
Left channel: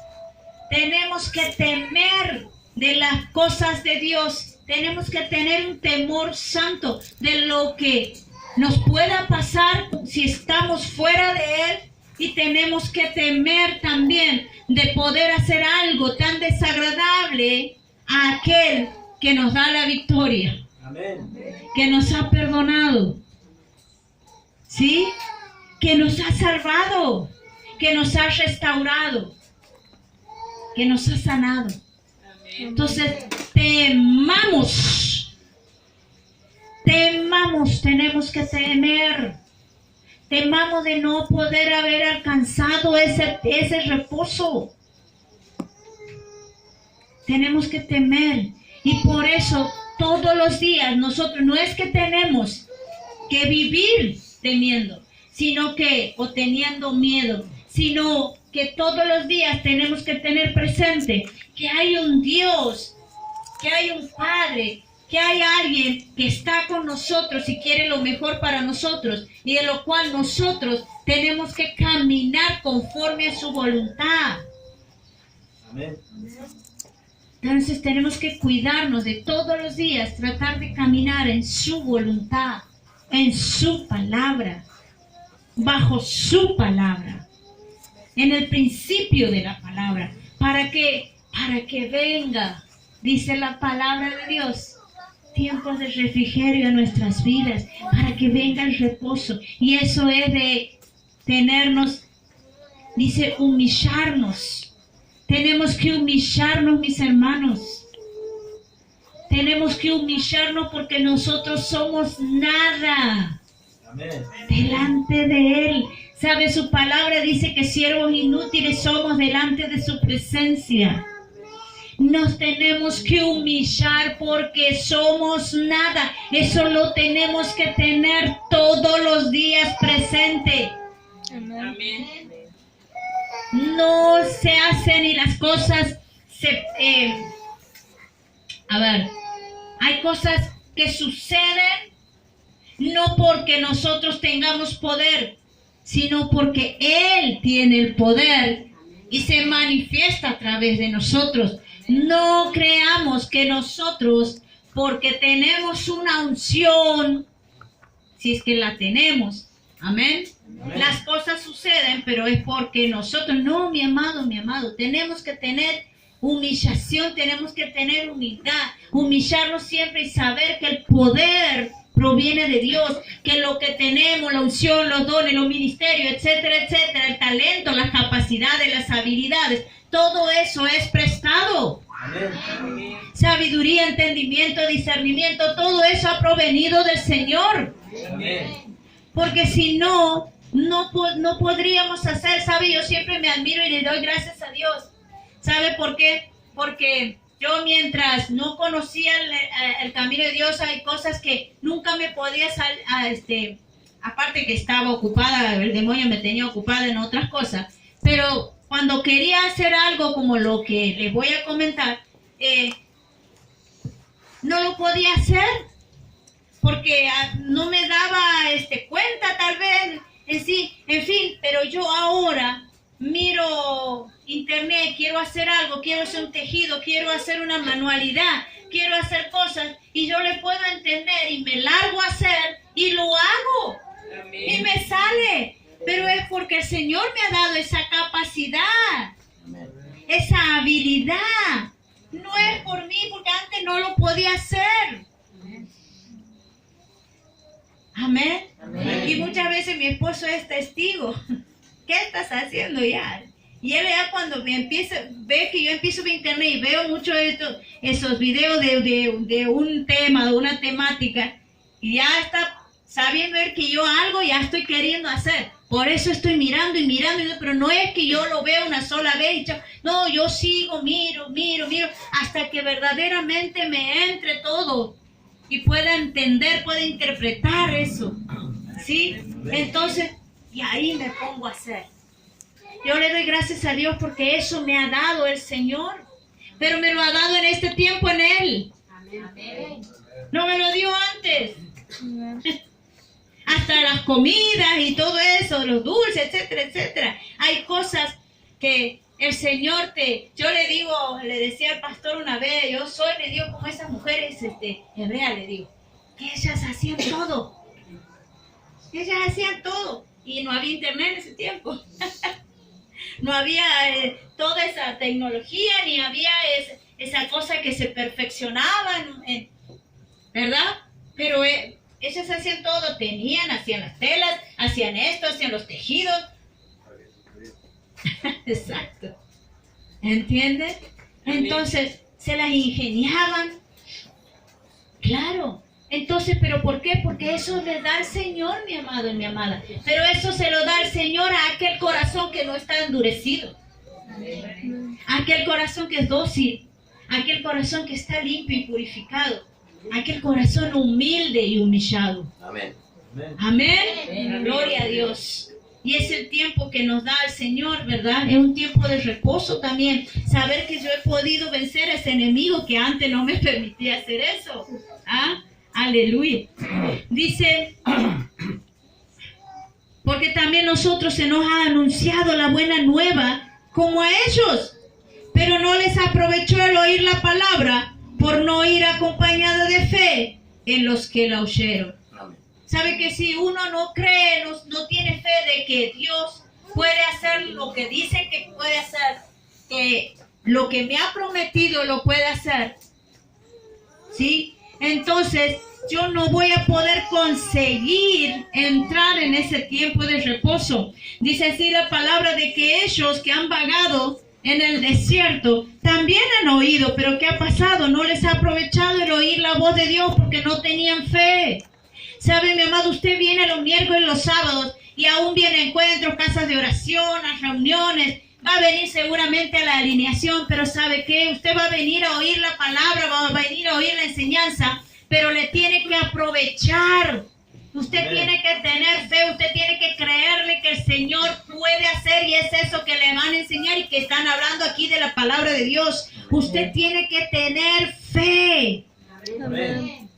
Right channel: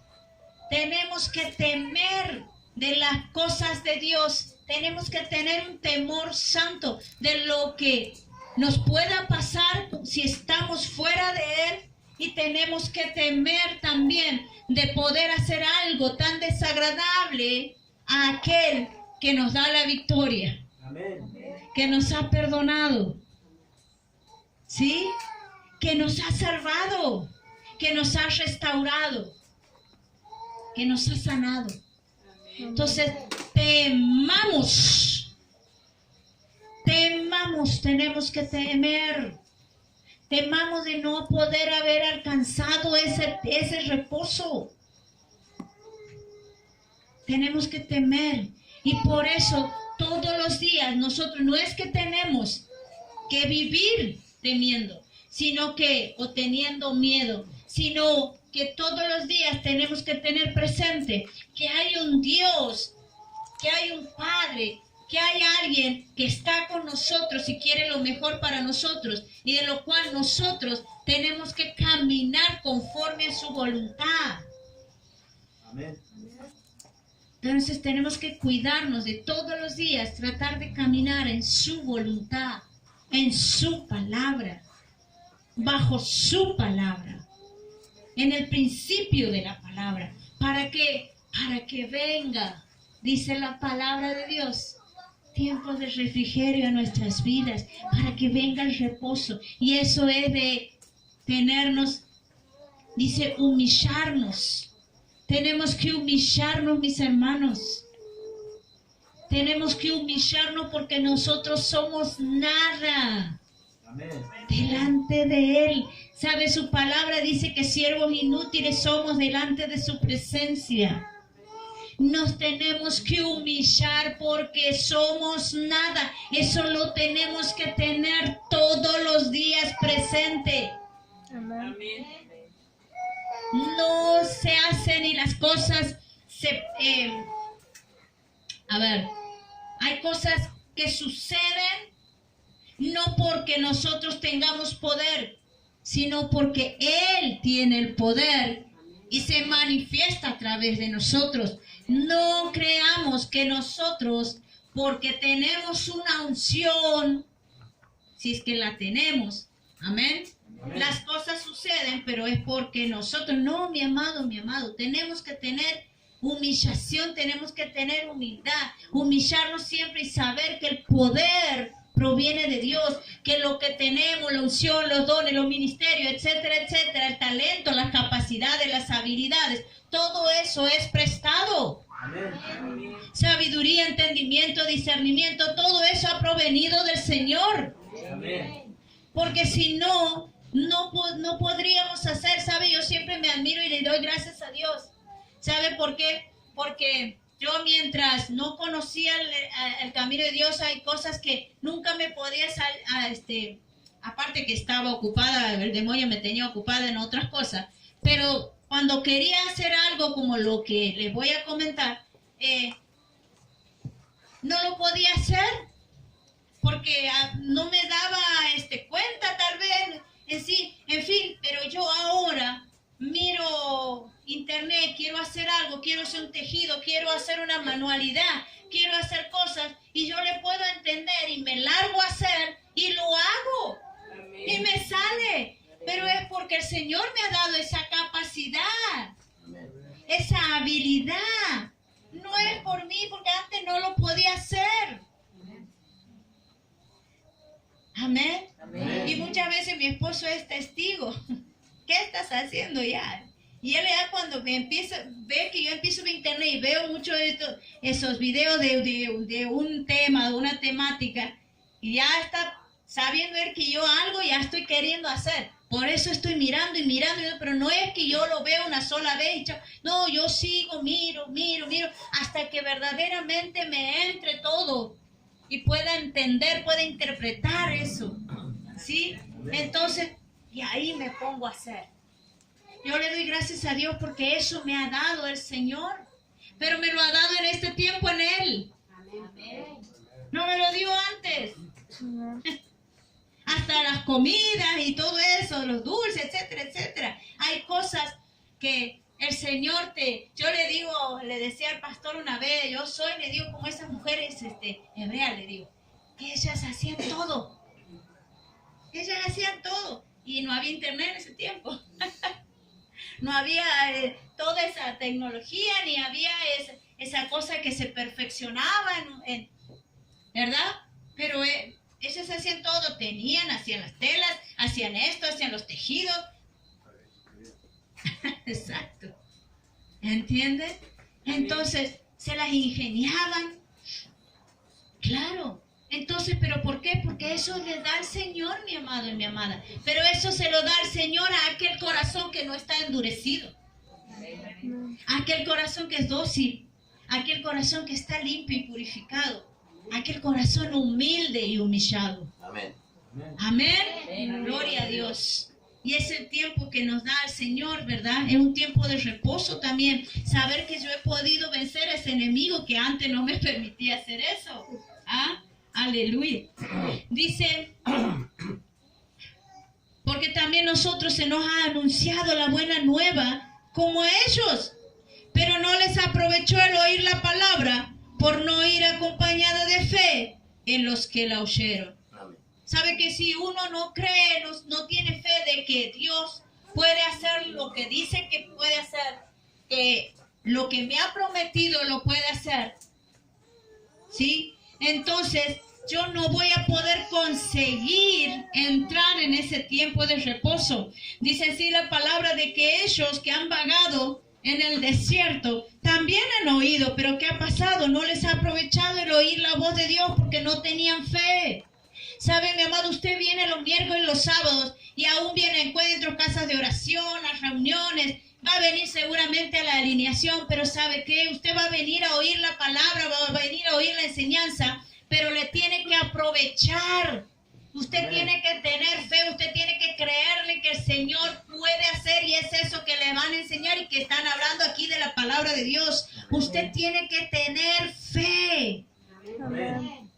Tenemos que temer de las cosas de Dios. Tenemos que tener un temor santo de lo que nos pueda pasar si estamos fuera de Él, y tenemos que temer también de poder hacer algo tan desagradable a aquel que nos da la victoria, Amén. que nos ha perdonado, ¿sí? Que nos ha salvado, que nos ha restaurado, que nos ha sanado. Entonces, temamos, tenemos que temer. Temamos de no poder haber alcanzado ese reposo. Tenemos que temer. Y por eso todos los días nosotros no es que tenemos que vivir temiendo, sino que, o teniendo miedo, sino que todos los días tenemos que tener presente que hay un Dios, que hay un Padre, que hay alguien que está con nosotros y quiere lo mejor para nosotros, y de lo cual nosotros tenemos que caminar conforme a su voluntad. Amén. Entonces tenemos que cuidarnos de todos los días, tratar de caminar en su voluntad, en su palabra, bajo su palabra, en el principio de la palabra, para que venga, dice la palabra de Dios, tiempos de refrigerio a nuestras vidas, para que venga el reposo. Y eso es de tenernos, dice, humillarnos Tenemos que humillarnos, mis hermanos. Tenemos que humillarnos porque nosotros somos nada. Amén. Delante de Él. ¿Sabe? Su palabra dice que siervos inútiles somos delante de su presencia. Nos tenemos que humillar porque somos nada. Eso lo tenemos que tener todos los días presente. Amén. No se hacen y las cosas hay cosas que suceden no porque nosotros tengamos poder, sino porque Él tiene el poder y se manifiesta a través de nosotros. No creamos que nosotros, porque tenemos una unción, si es que la tenemos, amén, las cosas suceden, pero es porque nosotros, no, mi amado, tenemos que tener humillación, tenemos que tener humildad, humillarnos siempre y saber que el poder proviene de Dios, que lo que tenemos, la unción, los dones, los ministerios, etcétera, etcétera, el talento, las capacidades, las habilidades, todo eso es prestado. Amén. Sabiduría, entendimiento, discernimiento, todo eso ha provenido del Señor. Amén. Porque si no, no podríamos hacer, ¿sabe? Yo siempre me admiro y le doy gracias a Dios. ¿Sabe por qué? Porque yo mientras no conocía el camino de Dios, hay cosas que nunca me podía salir, aparte que estaba ocupada, el demonio me tenía ocupada en otras cosas, pero cuando quería hacer algo como lo que les voy a comentar, no lo podía hacer, porque no me daba cuenta tal vez, en fin, pero yo ahora miro internet, quiero hacer algo, quiero hacer un tejido, quiero hacer una manualidad, quiero hacer cosas, y yo le puedo entender y me largo a hacer y lo hago. Amén. Y me sale, pero es porque el Señor me ha dado esa capacidad, esa habilidad. No es por mí, porque antes no lo podía hacer. Amén. Amén. Y muchas veces mi esposo es testigo. ¿Qué estás haciendo ya? Y él ya cuando ve que yo empiezo a ver internet y veo muchos esos videos de un tema, de una temática, y ya está sabiendo ver que yo algo ya estoy queriendo hacer. Por eso estoy mirando, pero no es que yo lo veo una sola vez. No, yo sigo, miro, hasta que verdaderamente me entre todo y pueda entender, pueda interpretar eso. ¿Sí? Entonces, y ahí me pongo a hacer. Yo le doy gracias a Dios porque eso me ha dado el Señor. Pero me lo ha dado en este tiempo en Él. No me lo dio antes. Hasta las comidas y todo eso, los dulces, etcétera, etcétera. Hay cosas que el Señor yo le decía al pastor una vez, le digo como esas mujeres hebreas, le digo, que ellas hacían todo. Ellas hacían todo. Y no había internet en ese tiempo. No había toda esa tecnología, ni había esa cosa que se perfeccionaba, ¿verdad? Pero ellas hacían todo, hacían las telas, hacían esto, hacían los tejidos. Exacto. ¿Entiendes? Entonces, se las ingeniaban. Claro. Entonces, ¿pero por qué? Porque eso le da el Señor, mi amado y mi amada. Pero eso se lo da el Señor a aquel corazón que no está endurecido. A aquel corazón que es dócil. A aquel corazón que está limpio y purificado. A aquel corazón humilde y humillado. Amén. Amén. Gloria a Dios. Y es el tiempo que nos da el Señor, ¿verdad? Es un tiempo de reposo también. Saber que yo he podido vencer a ese enemigo que antes no me permitía hacer eso. ¿Ah? Aleluya. Dice, porque también nosotros se nos ha anunciado la buena nueva como a ellos, pero no les aprovechó el oír la palabra por no ir acompañada de fe en los que la oyeron. ¿Sabe que si uno no cree, no tiene fe de que Dios puede hacer lo que dice que puede hacer, que lo que me ha prometido lo puede hacer? ¿Sí? Entonces, yo no voy a poder conseguir entrar en ese tiempo de reposo. Dice así la palabra de que ellos que han vagado en el desierto también han oído, pero ¿qué ha pasado? No les ha aprovechado el oír la voz de Dios porque no tenían fe. ¿Sabe, mi amado? Usted viene los miércoles y los sábados y aún viene a encuentros, casas de oración, a reuniones. Va a venir seguramente a la alineación, pero ¿sabe qué? Usted va a venir a oír la palabra, va a venir a oír la enseñanza, pero le tiene que aprovechar. Usted tiene que tener fe, usted tiene que creerle que el Señor puede hacer, y es eso que le van a enseñar y que están hablando aquí de la palabra de Dios. Usted tiene que tener fe. Amén.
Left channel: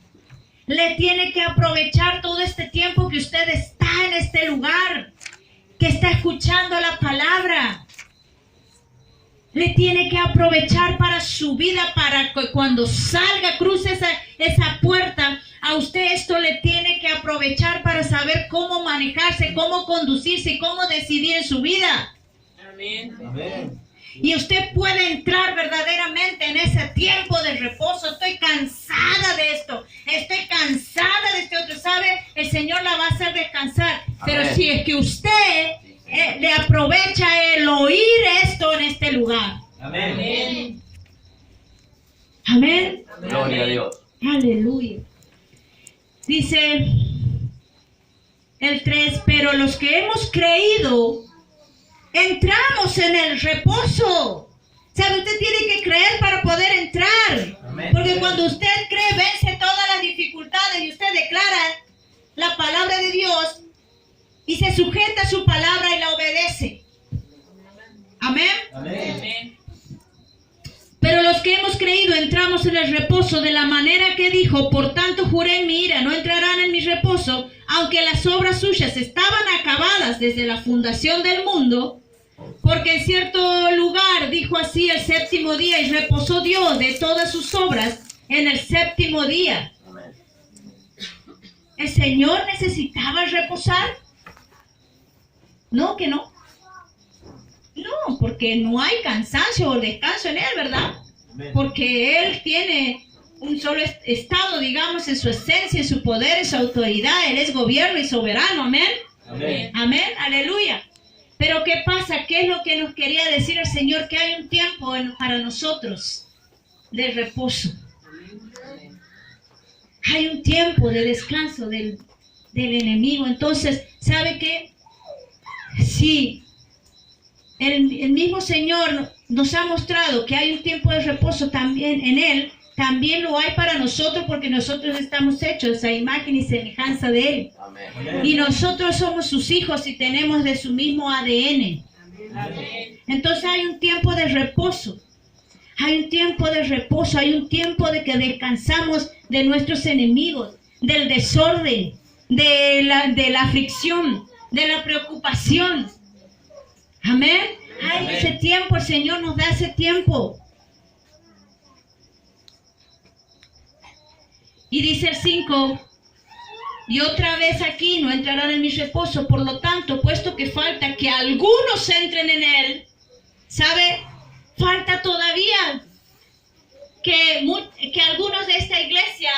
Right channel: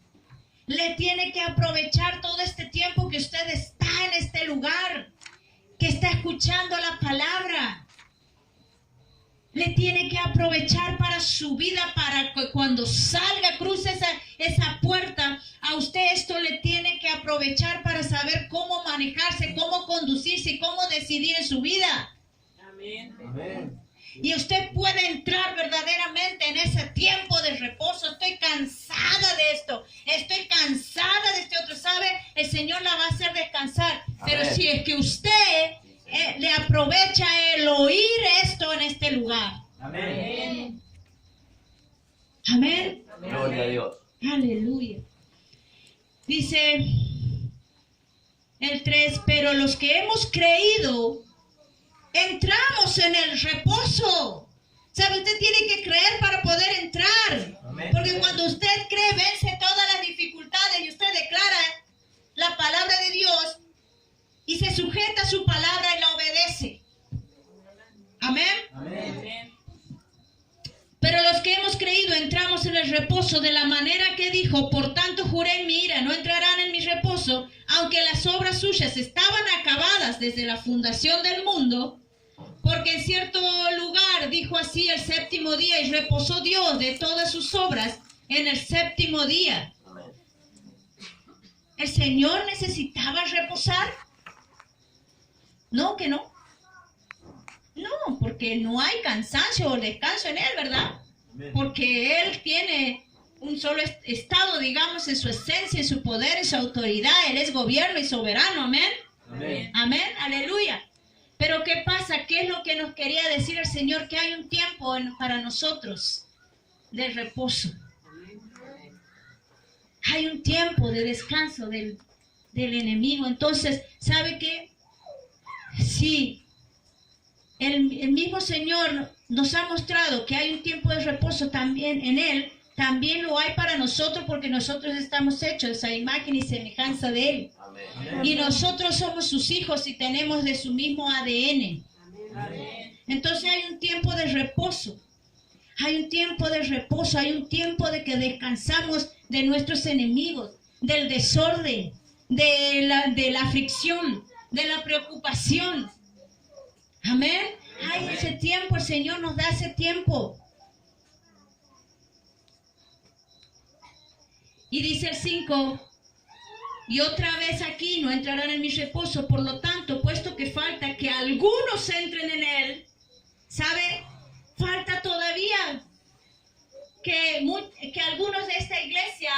Le tiene que aprovechar todo este tiempo que usted está en este lugar, que está escuchando la palabra. Le tiene que aprovechar para su vida, para que cuando salga, cruce esa puerta, a usted esto le tiene que aprovechar para saber cómo manejarse, cómo conducirse y cómo decidir en su vida. Amén. Amén. Y usted puede entrar verdaderamente en ese tiempo de reposo. Estoy cansada de esto, estoy cansada de este otro. ¿Sabe? El Señor la va a hacer descansar. Pero Amén. si es que usted le aprovecha el oír esto en este lugar. Amén. Amén. Gloria a Dios. Aleluya. Dice el 3, pero los que hemos creído, entramos en el reposo. ¿Sabe? Usted tiene que creer para poder entrar. Amén. Porque cuando usted cree, vence todas las dificultades y usted declara la palabra de Dios y se sujeta a su palabra y la obedece. Amén. Amén. Pero los que hemos creído entramos en el reposo de la manera que dijo, por tanto juré en mi ira, no entrarán en mi reposo, aunque las obras suyas estaban acabadas desde la fundación del mundo, porque en cierto lugar dijo así el séptimo día y reposó Dios de todas sus obras en el séptimo día. Amén. ¿El Señor necesitaba reposar? No, que no. No, porque no hay cansancio o descanso en Él, ¿verdad? Amén. Porque Él tiene un solo estado, digamos, en su esencia, en su poder, en su autoridad. Él es gobierno y soberano, amén. Amén. Amén, aleluya. Pero ¿qué pasa? ¿Qué es lo que nos quería decir el Señor? Que hay un tiempo para nosotros de reposo. Hay un tiempo de descanso del enemigo. Entonces, ¿sabe qué? Sí. El mismo Señor nos ha mostrado que hay un tiempo de reposo también en Él, también lo hay para nosotros porque nosotros estamos hechos a imagen y semejanza de Él. Amén. Y nosotros somos sus hijos y tenemos de su mismo ADN. Amén. Entonces hay un tiempo de reposo, hay un tiempo de reposo, hay un tiempo de que descansamos de nuestros enemigos, del desorden, de la aflicción, de la preocupación. Amén. Hay ese tiempo, el Señor nos da ese tiempo. Y dice el 5, y otra vez aquí no entrarán en mi reposo, por lo tanto, puesto que falta que algunos entren en él, ¿sabe? Falta todavía que algunos de esta iglesia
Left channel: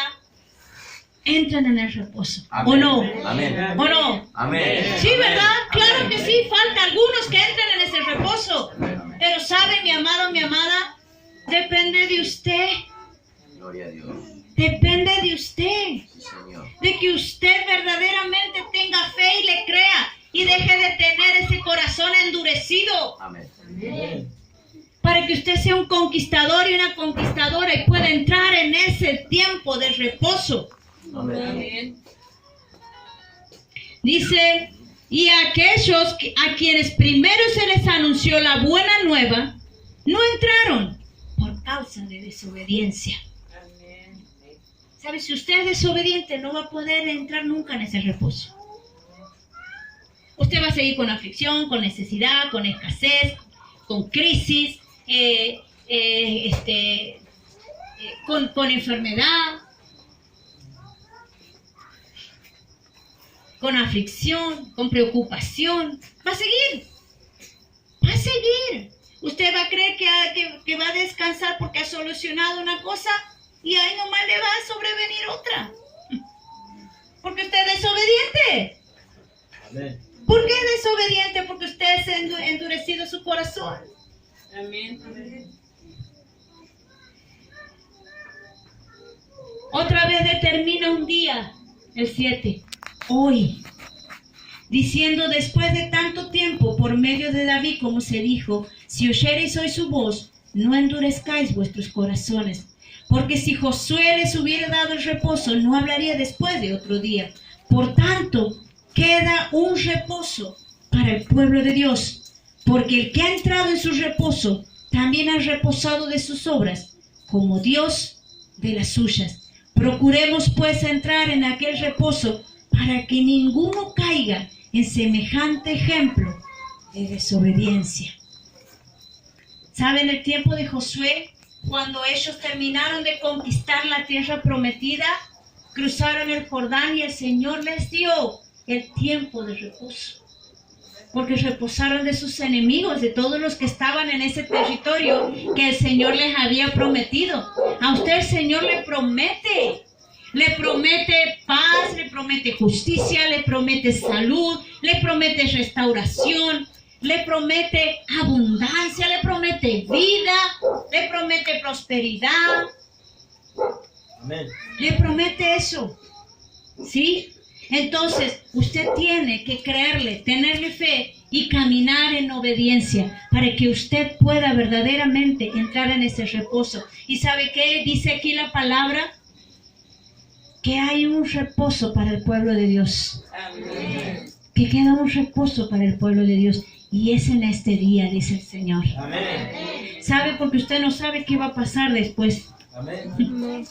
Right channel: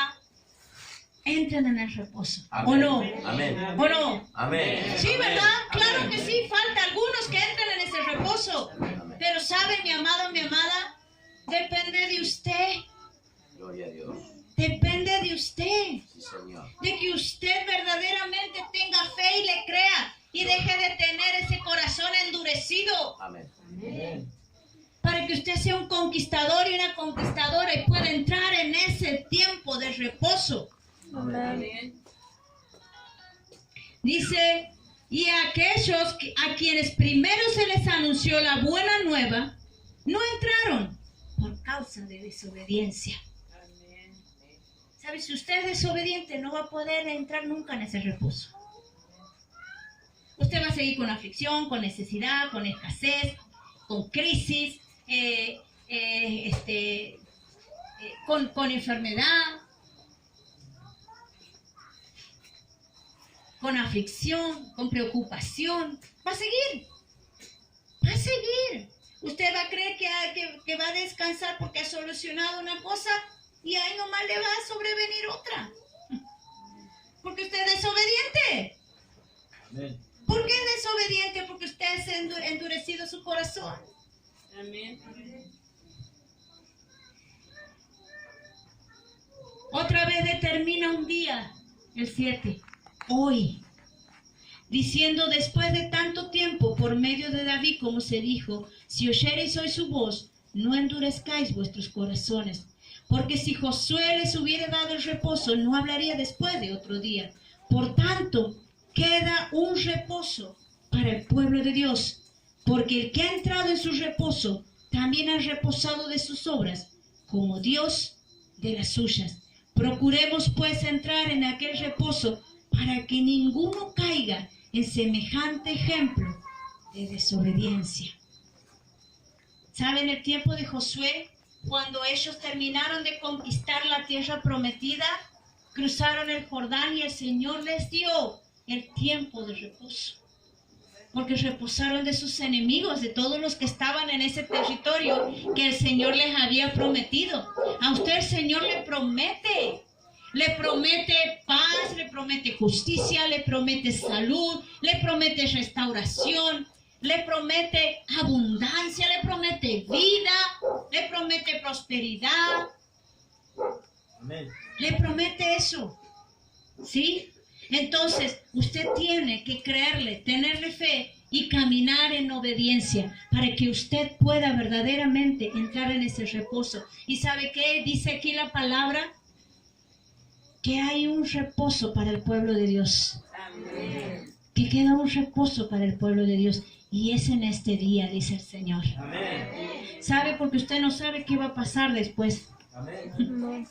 entren en el reposo. Amén. ¿O no? Amén. ¿O no? Amén. Sí, ¿verdad? Claro Amén. que sí, falta algunos que entren en ese reposo. Pero sabe, mi amado, mi amada, depende de usted. Gloria a Dios. Depende de usted. Sí, Señor. De que usted verdaderamente tenga fe y le crea. Y deje de tener ese corazón endurecido. Amén. Para que usted sea un conquistador y una conquistadora y pueda entrar en ese tiempo de reposo. Amén. Dice, y a aquellos a quienes primero se les anunció la buena nueva, no entraron por causa de desobediencia. ¿Sabe? Si usted es desobediente, no va a poder entrar nunca en ese reposo. Usted va a seguir con aflicción, con necesidad, con escasez, con crisis, con enfermedad, con aflicción, con preocupación. Va a seguir. Va a seguir. Usted va a creer que va a descansar porque ha solucionado una cosa y ahí nomás le va a sobrevenir otra. Porque usted es desobediente. Amén. ¿Por qué es desobediente? Porque usted ha endurecido su corazón. Amén. Otra vez determina un día, el 7, hoy, diciendo después de tanto tiempo por medio de David, como se dijo, si oyereis hoy su voz, no endurezcáis vuestros corazones, porque si Josué les hubiera dado el reposo, no hablaría después de otro día. Por tanto, queda un reposo para el pueblo de Dios, porque el que ha entrado en su reposo, también ha reposado de sus obras, como Dios de las suyas. Procuremos pues entrar en aquel reposo, para que ninguno caiga en semejante ejemplo de desobediencia. ¿Saben el tiempo de Josué? Cuando ellos terminaron de conquistar la tierra prometida, cruzaron el Jordán y el Señor les dio el tiempo de reposo. Porque reposaron de sus enemigos, de todos los que estaban en ese territorio que el Señor les había prometido. A usted el Señor le promete paz, le promete justicia, le promete salud, le promete restauración, le promete abundancia, le promete vida, le promete prosperidad. Amén. Le promete eso, ¿sí? Entonces, usted tiene que creerle, tenerle fe y caminar en obediencia para que usted pueda verdaderamente entrar en ese reposo. ¿Y sabe qué dice aquí la palabra? Que hay un reposo para el pueblo de Dios. Amén. Que queda un reposo para el pueblo de Dios. Y es en este día, dice el Señor. Amén. ¿Sabe? Porque usted no sabe qué va a pasar después. Amén.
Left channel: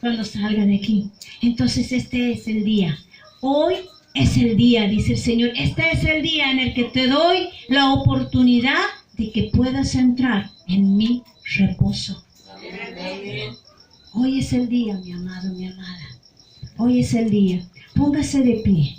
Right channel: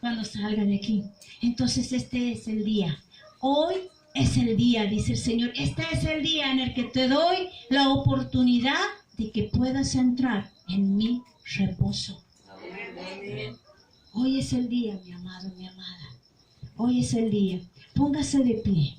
Cuando salga de aquí. Entonces este es el día. Hoy es el día, dice el Señor. Este es el día en el que te doy la oportunidad de que puedas entrar en mi reposo. Amén. Hoy es el día, mi amado, mi amada. Hoy es el día. Póngase de pie.